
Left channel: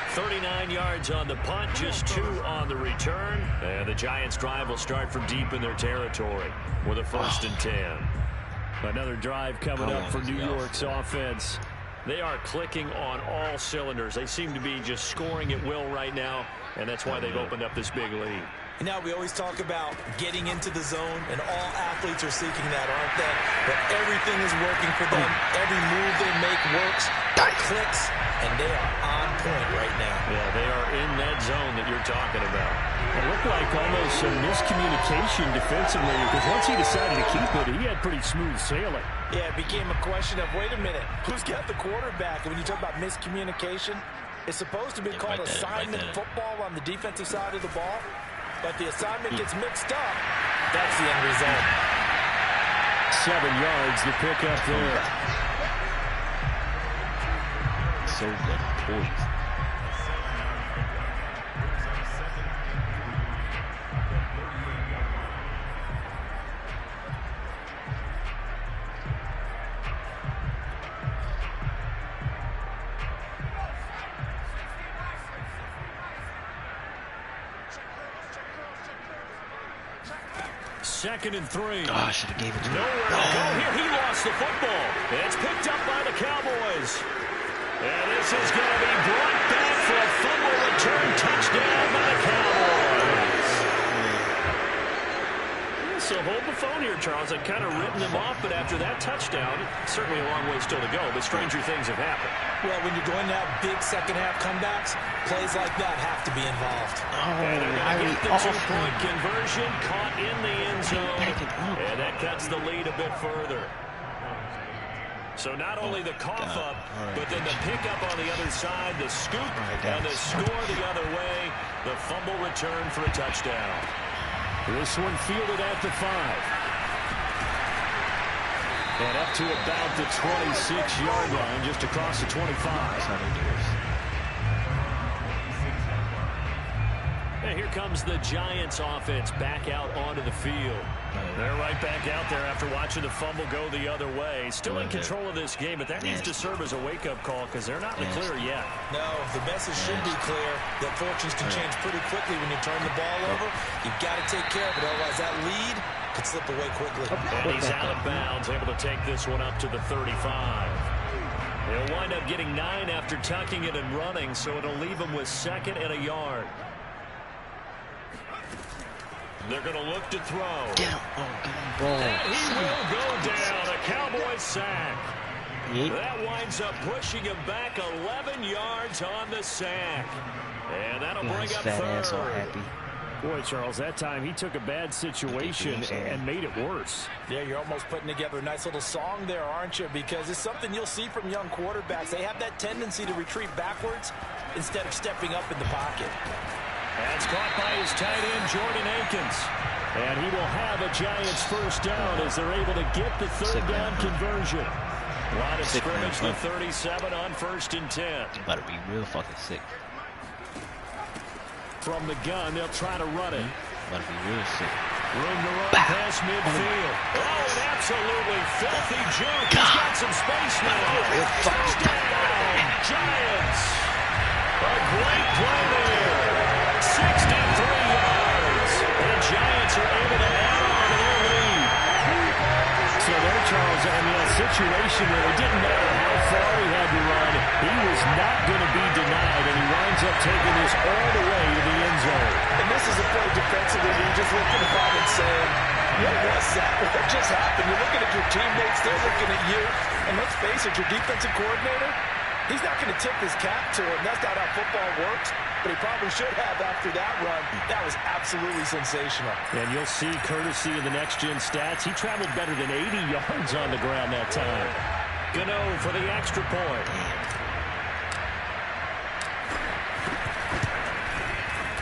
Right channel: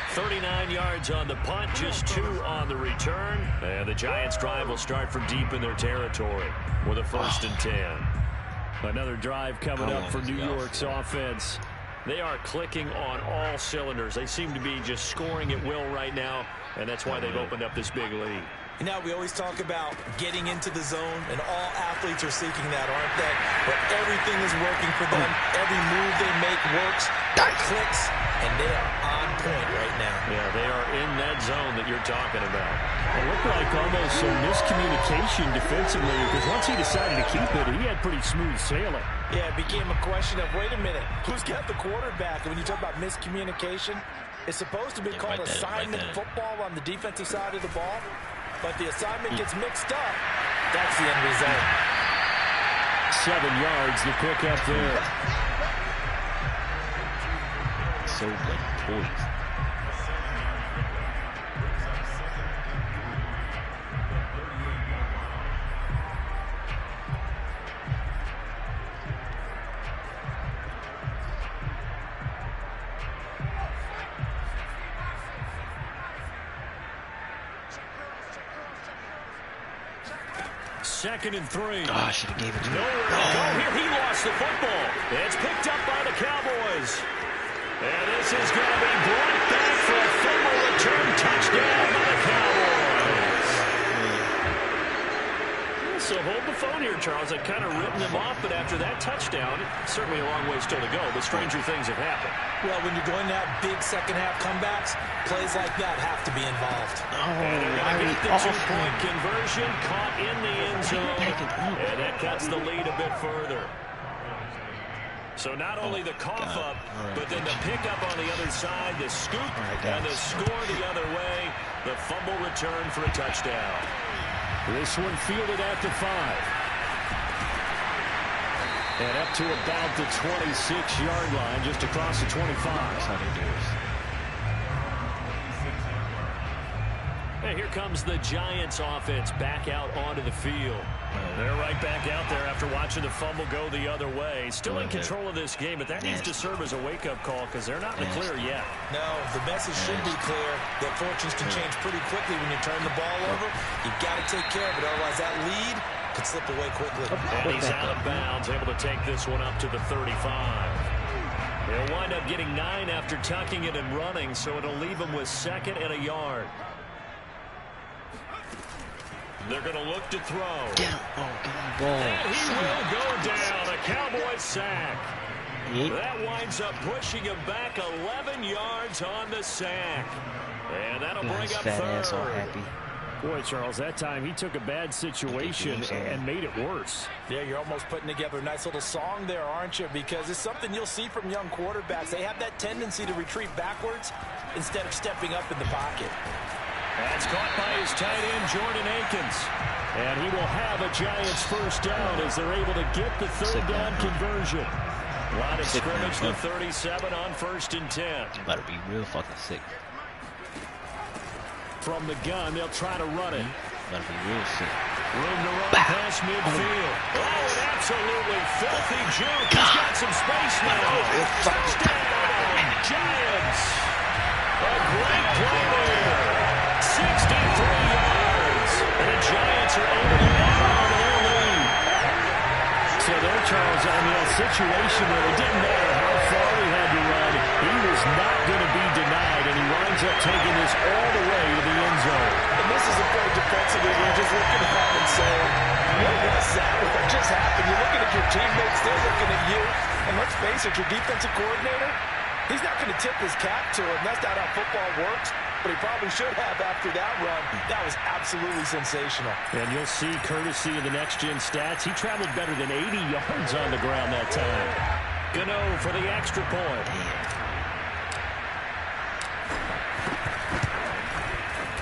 39 yards on the punt, just 2 on the return. And the Giants' drive will start from deep in their territory with a 1st and 10. Another drive coming up for New York's offense. They are clicking on all cylinders. They seem to be just scoring at will right now, and that's why they've opened up this big lead. You know, we always talk about getting into the zone, and all athletes are seeking that, aren't they? But everything is working for them. Every move they make works, clicks, and they are on point right now. Yeah, they are in that zone that you're talking about. It looked like almost some miscommunication defensively, because once he decided to keep it, he had pretty smooth sailing. Yeah, it became a question of, wait a minute, who's got the quarterback? And when you talk about miscommunication, it's supposed to be called assignment football on the defensive side of the ball. But the assignment gets mixed up. That's the end result. 7 yards to pick up there. So good points. Second and 3. Oh, I should have gave it to him. Nowhere to go here. He lost the football. It's picked up by the Cowboys. And this is going to be brought back for a fumble return touchdown by the Cowboys. So hold the phone here, Charles. I've kind of written them off, but after that touchdown, certainly a long way still to go, but stranger things have happened. Well, when you're going to have big second-half comebacks, plays like that have to be involved. And they're going to get the 2-point conversion, caught in the end zone, and that cuts the lead a bit further. So not only the cough up, but then the pickup on the other side, the scoop, and the score the other way, the fumble return for a touchdown. This one fielded at the 5. And up to about the 26-yard line, just across the 25. That's how they do it. And here comes the Giants offense back out onto the field. They're right back out there after watching the fumble go the other way. Still in control of this game, but that needs to serve as a wake-up call because they're not in the clear yet. No, the message should be clear that fortunes can change pretty quickly when you turn the ball over. You've got to take care of it, otherwise that lead could slip away quickly. And he's out of bounds, able to take this one up to the 35. He'll wind up getting 9 after tucking it and running, so it'll leave him with 2nd and a yard. They're going to look to throw. Get him. Oh, get him the ball. And he will go down. A Cowboys sack. That winds up pushing him back 11 yards on the sack. And that'll bring up 3rd. All happy. Boy, Charles, that time he took a bad situation and made it worse. Yeah, you're almost putting together a nice little song there, aren't you? Because it's something you'll see from young quarterbacks. They have that tendency to retreat backwards instead of stepping up in the pocket. That's caught by his tight end, Jordan Akins. And he will have a Giants 1st down as they're able to get the 3rd down conversion. Line of scrimmage, the 37 on 1st and 10. You better be real fucking sick. From the gun, they'll try to run it. Better be real sick. Room to run past midfield. Oh, an absolutely filthy juke. He's got some space now. Touchdown, Giants. A great play there. 63 yards. And the Giants are able to add on to their lead. So there, Charles, I mean, a situation where it didn't matter how far he had to run, he was not going to be denied, and he winds up taking this all the way to the end zone. And this is a play defensively where you're just looking around and saying, what was that? What just happened? You're looking at your teammates, they're looking at you. And let's face it, your defensive coordinator, he's not going to tip his cap to him. That's not how football works. But he probably should have after that run. That was absolutely sensational. And you'll see, courtesy of the next-gen stats, he traveled better than 80 yards on the ground that time. Gano for the extra point.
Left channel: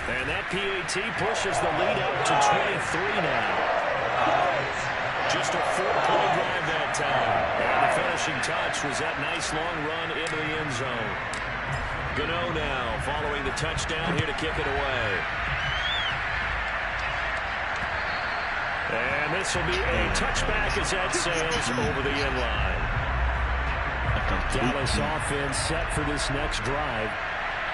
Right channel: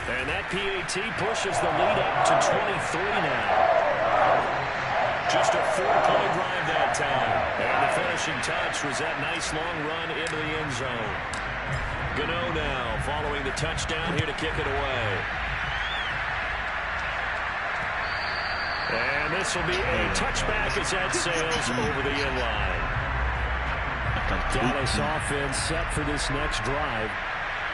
And that PAT pushes the lead up to 23 now. Just a 4-point drive that time. And the finishing touch was that nice long run into the end zone. Gano now following the touchdown here to kick it away. And this will be a touchback as that sails over the end line. Dallas offense set for this next drive.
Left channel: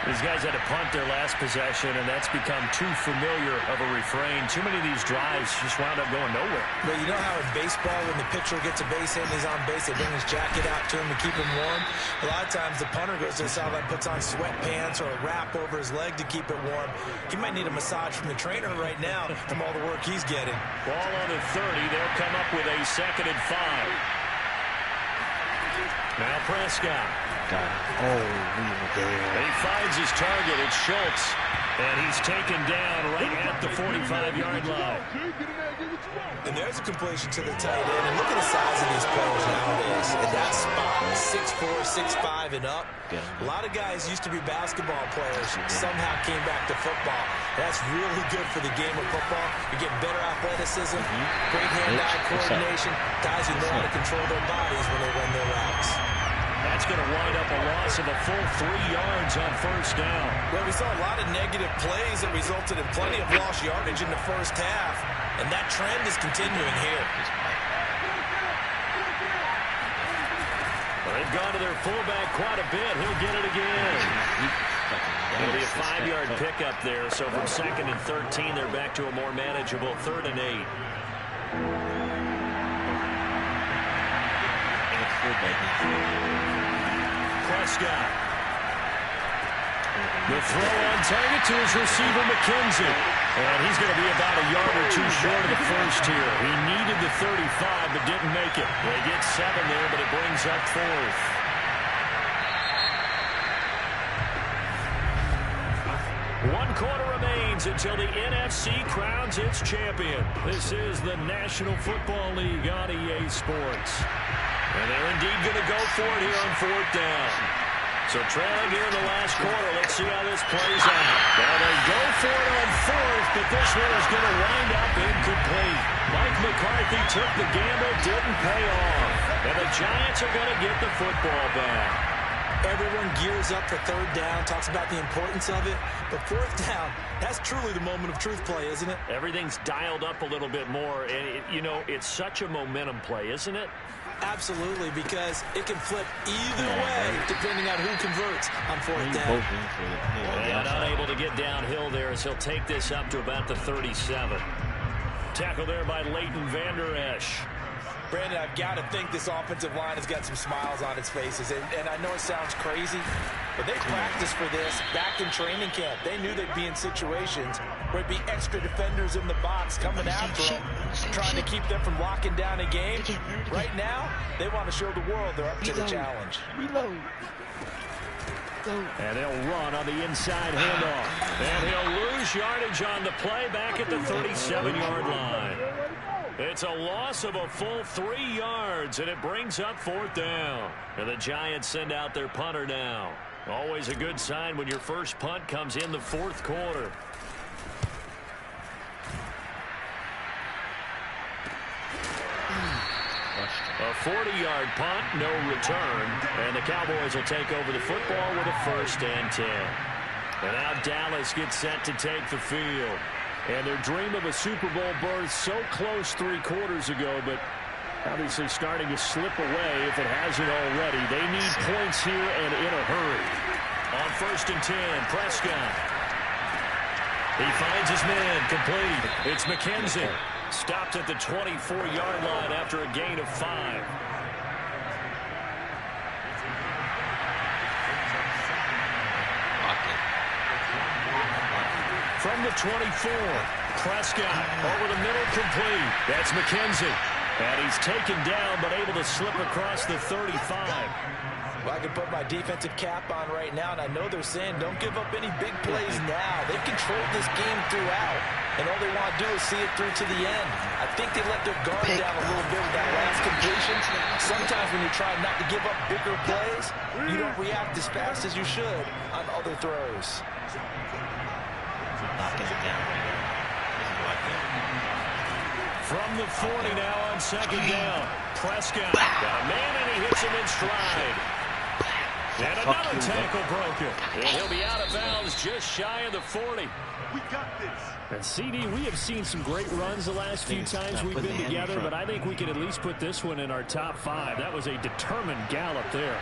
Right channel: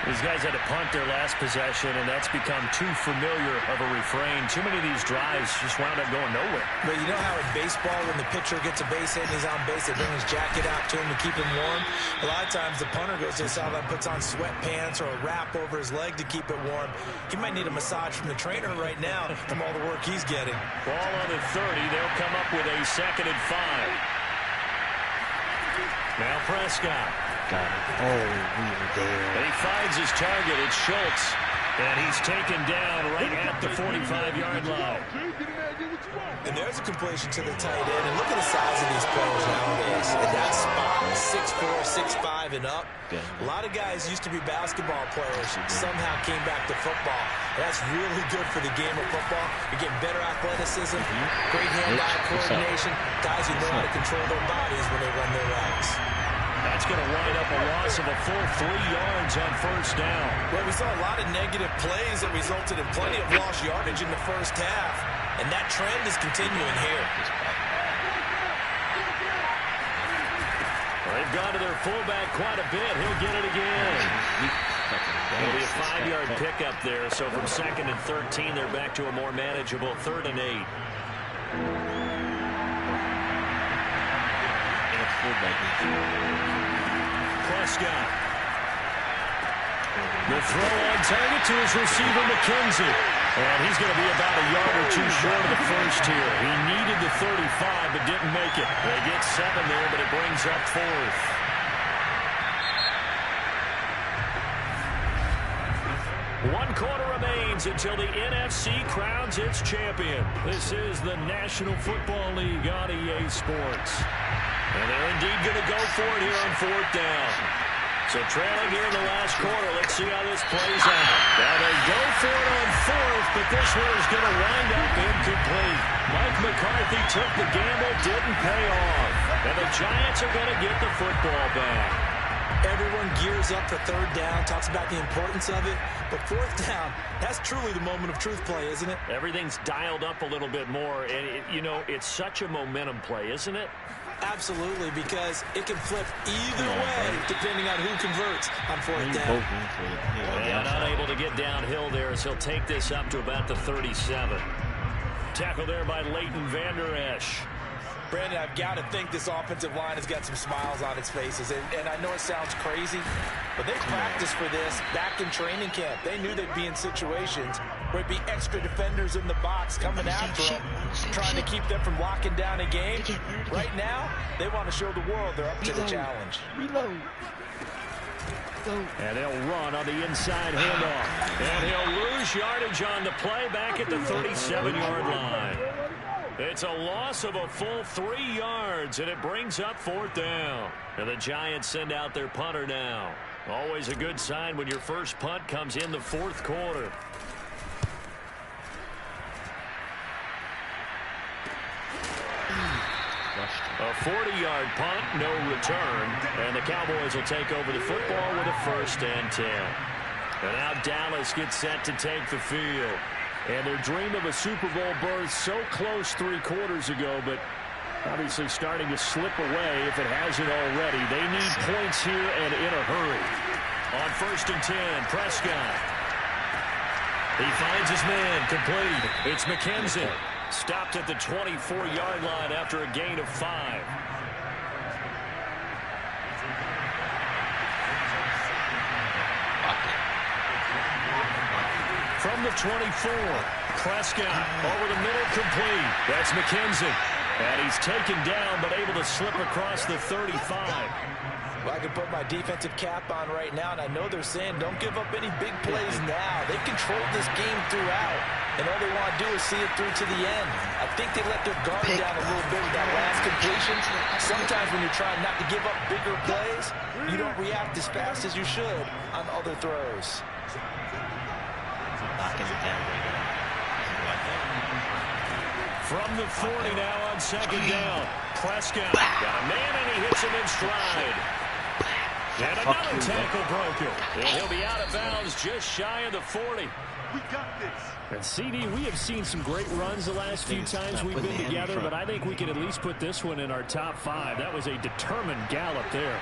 These guys had to punt their last possession, and that's become too familiar of a refrain. Too many of these drives just wound up going nowhere. But you know how in baseball, when the pitcher gets a base hit and he's on base, they bring his jacket out to him to keep him warm? A lot of times the punter goes to the sideline, puts on sweatpants or a wrap over his leg to keep it warm. He might need a massage from the trainer right now from all the work he's getting. Ball on the 30. They'll come up with a 2nd and 5. Now Prescott. Got it. Oh, we were there. He finds his target. It's Schultz. And he's taken down right at the 45-yard line. And there's a completion to the tight end. And look at the size of these players nowadays. At that spot, 6'4", 6'5", and up. A lot of guys used to be basketball players. Somehow came back to football. That's really good for the game of football. You're getting better athleticism, great hand-eye coordination. Guys who know how to control their bodies when they run their routes. That's going to wind up a loss of a full 3 yards on 1st down. Well, we saw a lot of negative plays that resulted in plenty of lost yardage in the first half, and that trend is continuing here. Well, they've gone to their fullback quite a bit. He'll get it again. It'll be a 5-yard pickup there, so from 2nd and 13, they're back to a more manageable 3rd and 8. Prescott. The throw on target to his receiver, McKenzie. And he's going to be about a yard or 2 short of the first here. He needed the 35, but didn't make it. They get 7 there, but it brings up 4th. One quarter remains until the NFC crowns its champion. This is the National Football League on EA Sports. And they're indeed going to go for it here on 4th down. So trailing here in the last quarter. Let's see how this plays out. Now they go for it on 4th, but this one is going to wind up incomplete. Mike McCarthy took the gamble, didn't pay off. And the Giants are going to get the football back. Everyone gears up for 3rd down, talks about the importance of it. But 4th down, that's truly the moment of truth play, isn't it? Everything's dialed up a little bit more. And, it's such a momentum play, isn't it? Absolutely, because it can flip either way depending on who converts on 4th down. And unable to get downhill there as he'll take this up to about the 37. Tackle there by Leighton Vander Esch. Brandon, I've got to think this offensive line has got some smiles on its faces. And I know it sounds crazy, but they practiced for this back in training camp. They knew they'd be in situations where it'd be extra defenders in the box coming after them, trying to keep them from locking down a game. Right now, they want to show the world they're up to the challenge. Reload. And they'll run on the inside handoff. And he'll lose yardage on the play back at the 37-yard line. It's a loss of a full 3 yards, and it brings up 4th down. And the Giants send out their punter now. Always a good sign when your first punt comes in the 4th quarter. A 40-yard punt, no return. And the Cowboys will take over the football with a 1st and 10. And now Dallas gets set to take the field. And their dream of a Super Bowl berth so close 3 quarters ago, but obviously starting to slip away if it hasn't already. They need points here and in a hurry. On 1st and 10, Prescott. He finds his man, complete. It's McKenzie. Stopped at the 24-yard line after a gain of 5. From the 24, Prescott over the middle, complete. That's McKenzie. And he's taken down, but able to slip across the 35. Well, I can put my defensive cap on right now, and I know they're saying don't give up any big plays now. They've controlled this game throughout, and all they want to do is see it through to the end. I think they let their guard down a little bit with that last completion. Sometimes when you're trying not to give up bigger plays, you don't react as fast as you should on other throws. Knocking it down right now. From the 40 now on 2nd down. Prescott got a man, and he hits him in stride. And another tackle broken. And he'll be out of bounds just shy of the 40. We got this. And CD, we have seen some great runs the last few times we've been together, but I think we can at least put this one in our top 5. That was a determined gallop there.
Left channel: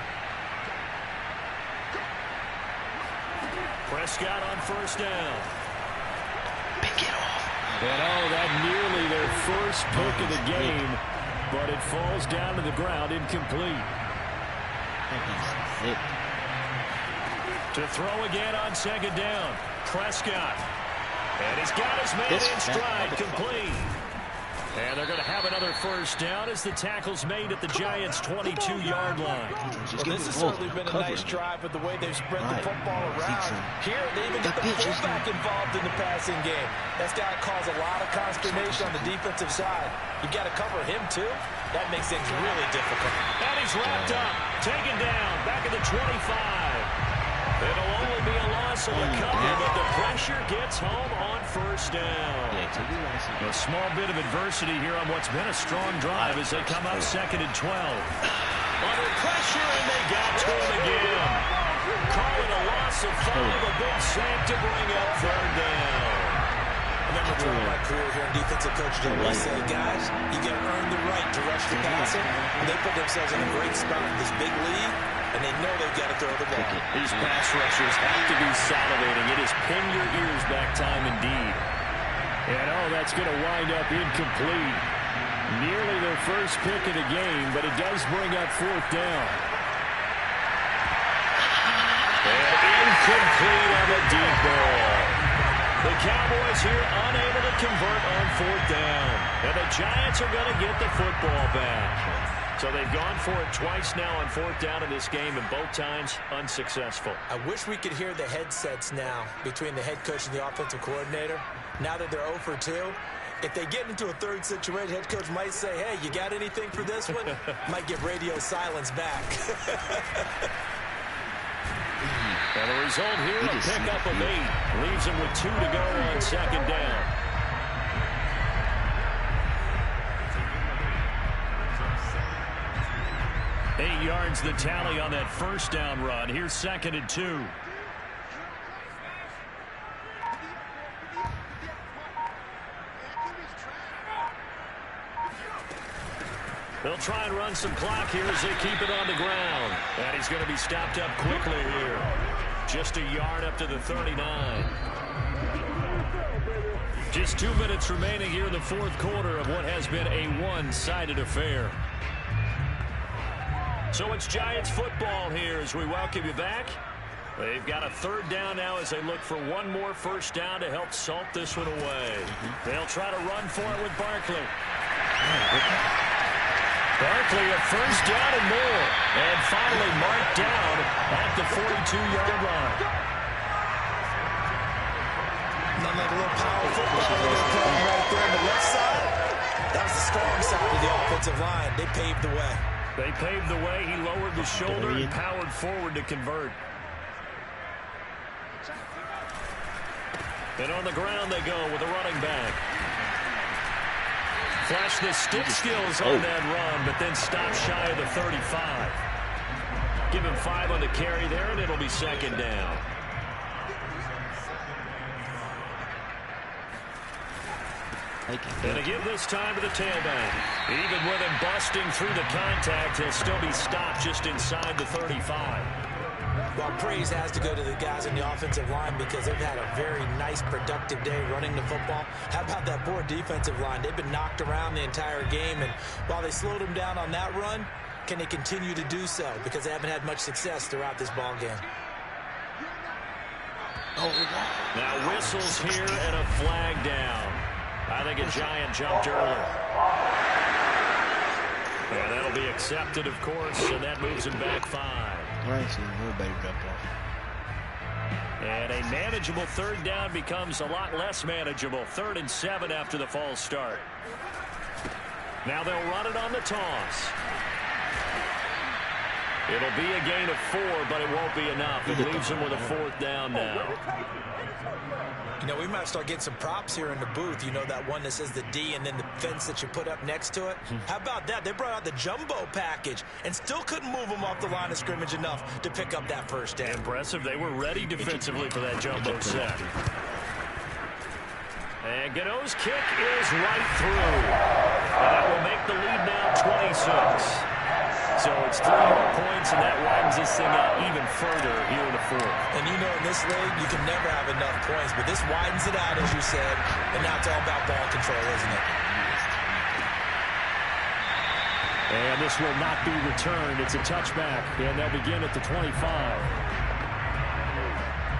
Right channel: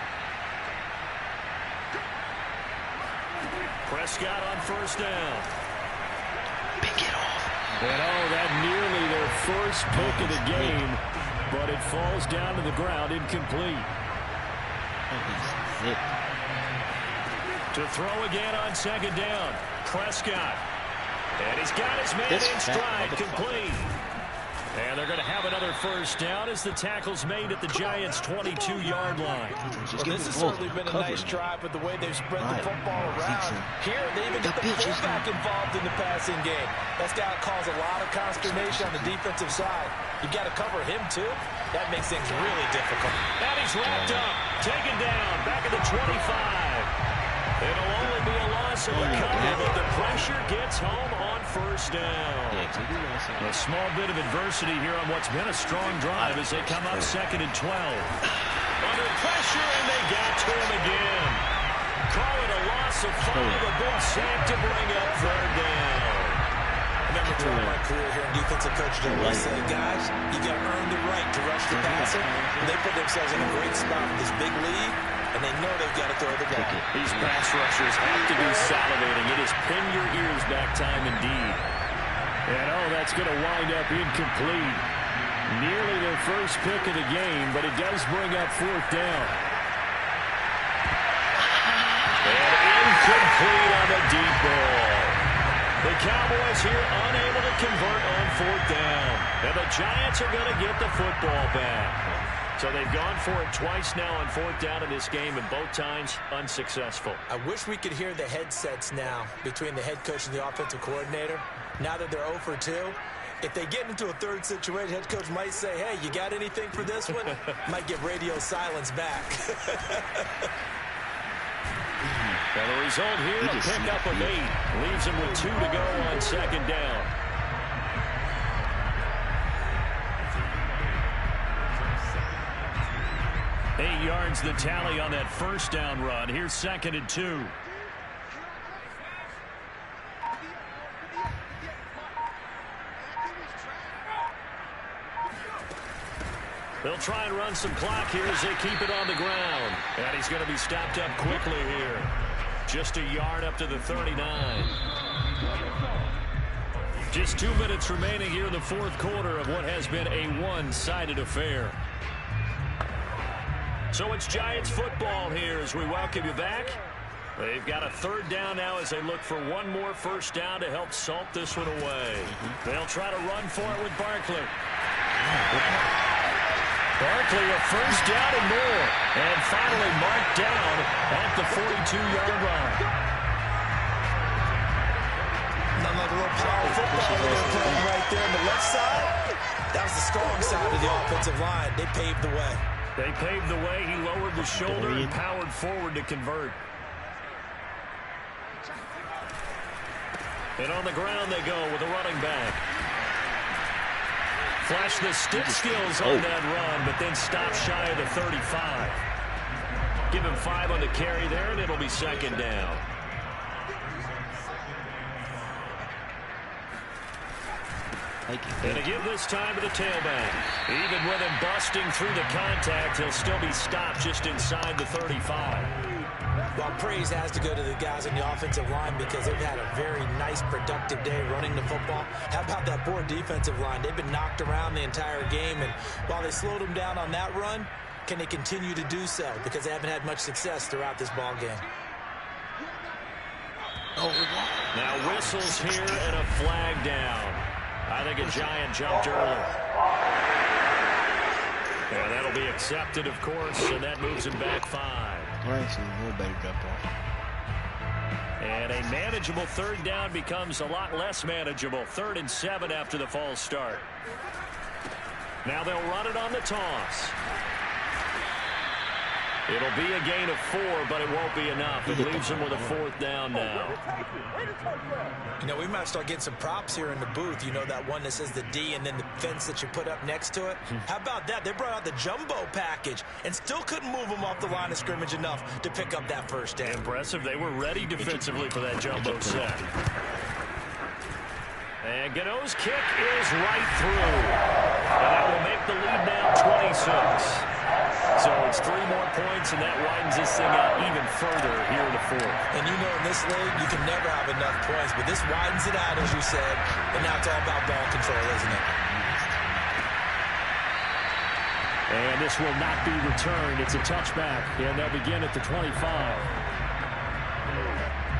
Prescott on first down. Pick it off. And that nearly their first pick of the game, but it falls down to the ground incomplete. To throw again on second down. Prescott. And he's got his man in stride, complete. And they're going to have another first down as the tackle's made at the Giants' 22-yard line. Well, this has certainly been a nice drive with the way they've spread the football around. Here, they even get the fullback involved in the passing game. That's got to cause a lot of consternation on the defensive side. You've got to cover him, too. That makes things really difficult. And he's wrapped up, taken down, back at the 25. It'll only be a loss of a couple, but the pressure gets home on first down. A small bit of adversity here on what's been a strong drive as they come up 2nd and 12. Under pressure, and they got to him again. Call it a loss of 5, a big sack to bring up third down. I remember throughout my career here in defensive coaching, I always say, guys, you got to earn the right to rush the passer. And they put themselves in a great spot with this big lead. And they know they've got to throw the ball. These pass rushers have to be salivating. It is pin your ears back time indeed. And that's going to wind up incomplete. Nearly their first pick of the game, but it does bring up fourth down. And incomplete on the deep ball. The Cowboys here unable to convert on fourth down. And the Giants are going to get the football back. So they've gone for it twice now on fourth down in this game, and both times unsuccessful. I wish we could hear the headsets now between the head coach and the offensive coordinator. Now that they're 0 for 2, if they get into a third situation, head coach might say, hey, you got anything for this one? Might get radio silence back. And the result here, a pickup of 8. Leaves them with 2 to go on second down. Eight yards the tally on that first down run. Here's 2nd and 2. They'll try and run some clock here as they keep it on the ground. And he's going to be stopped up quickly here. Just a yard up to the 39. Just 2 minutes remaining here in the fourth quarter of what has been a one-sided affair. So it's Giants football here as we welcome you back. They've got a third down now as they look for one more first down to help salt this one away. They'll try to run for it with Barkley. Barkley a first down and more. And finally marked down at the 42-yard line. Not like a little power football they're playing right there on the left side. That was the strong side of the offensive line. They paved the way. They paved the way. He lowered the shoulder and powered forward to convert. And on the ground they go with a running back. Flash the stick skills on that run, but then stop shy of the 35. Give him 5 on the carry there, and it'll be second down. And to give this time to the tailback. Even with him busting through the contact, he'll still be stopped just inside the 35. Well, praise has to go to the guys in the offensive line because they've had a very nice, productive day running the football. How about that poor defensive line? They've been knocked around the entire game, and while they slowed them down on that run, can they continue to do so? Because they haven't had much success throughout this ball game. Now whistles here and a flag down. I think a Giant jumped early. Yeah, that'll be accepted, of course, and that moves him back 5. And a manageable third down becomes a lot less manageable. 3rd and 7 after the false start. Now they'll run it on the toss. It'll be a gain of 4, but it won't be enough. It leaves them with a 4th down now. You know, we might start getting some props here in the booth. You know, that one that says the D and then the fence that you put up next to it? How about that? They brought out the jumbo package and still couldn't move them off the line of scrimmage enough to pick up that first down. Impressive. They were ready defensively for that jumbo set. And Gano's kick is right through. And that will make the lead now 26. So it's 3 more points, and that widens this thing out even further here in the 4th. And you know in this league, you can never have enough points, but this widens it out, as you said, and now it's all about ball control, isn't it? And this will not be returned. It's a touchback, and they'll begin at the 25.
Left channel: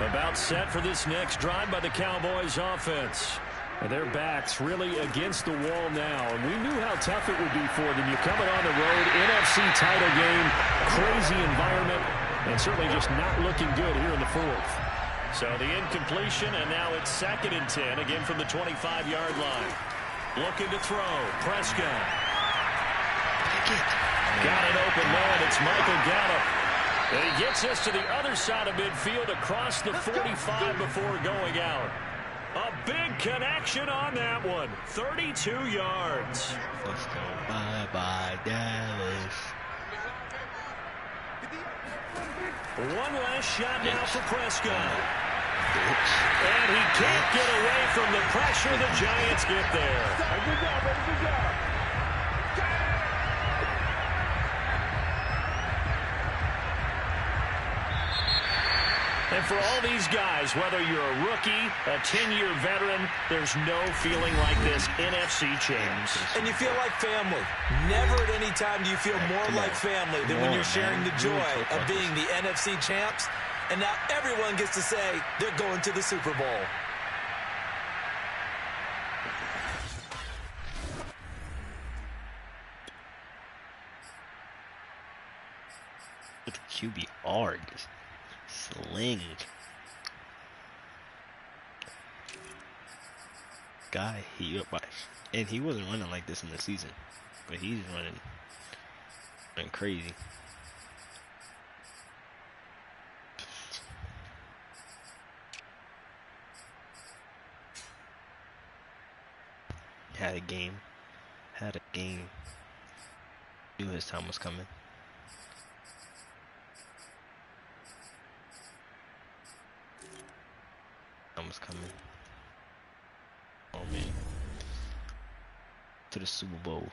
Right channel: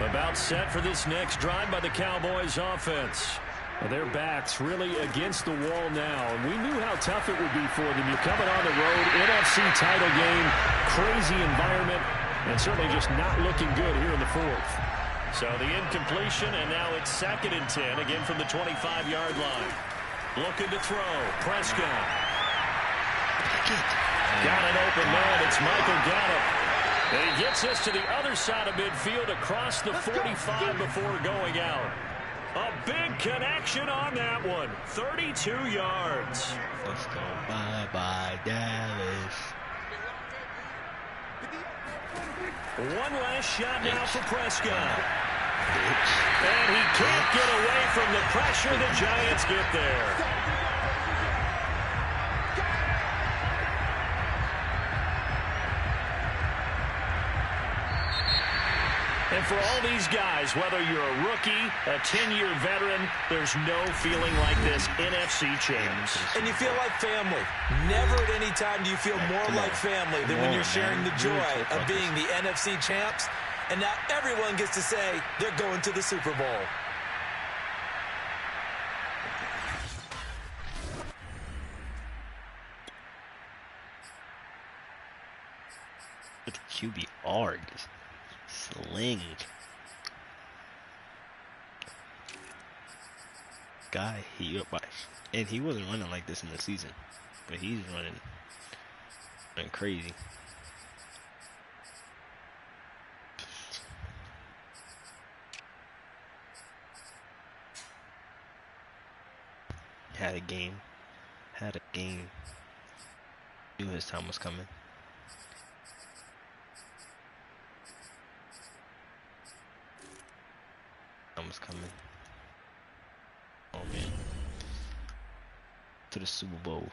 About set for this next drive by the Cowboys offense. And their backs really against the wall now. And we knew how tough it would be for them. You're coming on the road, NFC title game, crazy environment, and certainly just not looking good here in the 4th. So the incompletion, and now it's 2nd and 10, again from the 25-yard line. Looking to throw. Prescott. Got it open, man. It's Michael Gallup. And he gets us to the other side of midfield across the 45 before going out. A big connection on that one. 32 yards. Let's go. Bye-bye, Dallas. One last shot now for Prescott. And he can't get away from the pressure. The Giants get there. And for all these guys, whether you're a rookie, a 10-year veteran, there's no feeling like this NFC champs. And you feel like family. Never at any time do you feel more like family than when you're sharing the joy of being the NFC champs. And now everyone gets to say they're going to the Super Bowl. With QBR, just sling. Guy, and he wasn't running like this in the season, but he's running crazy. Had a game. Knew his time was coming. Coming. Oh man. To the Super Bowl.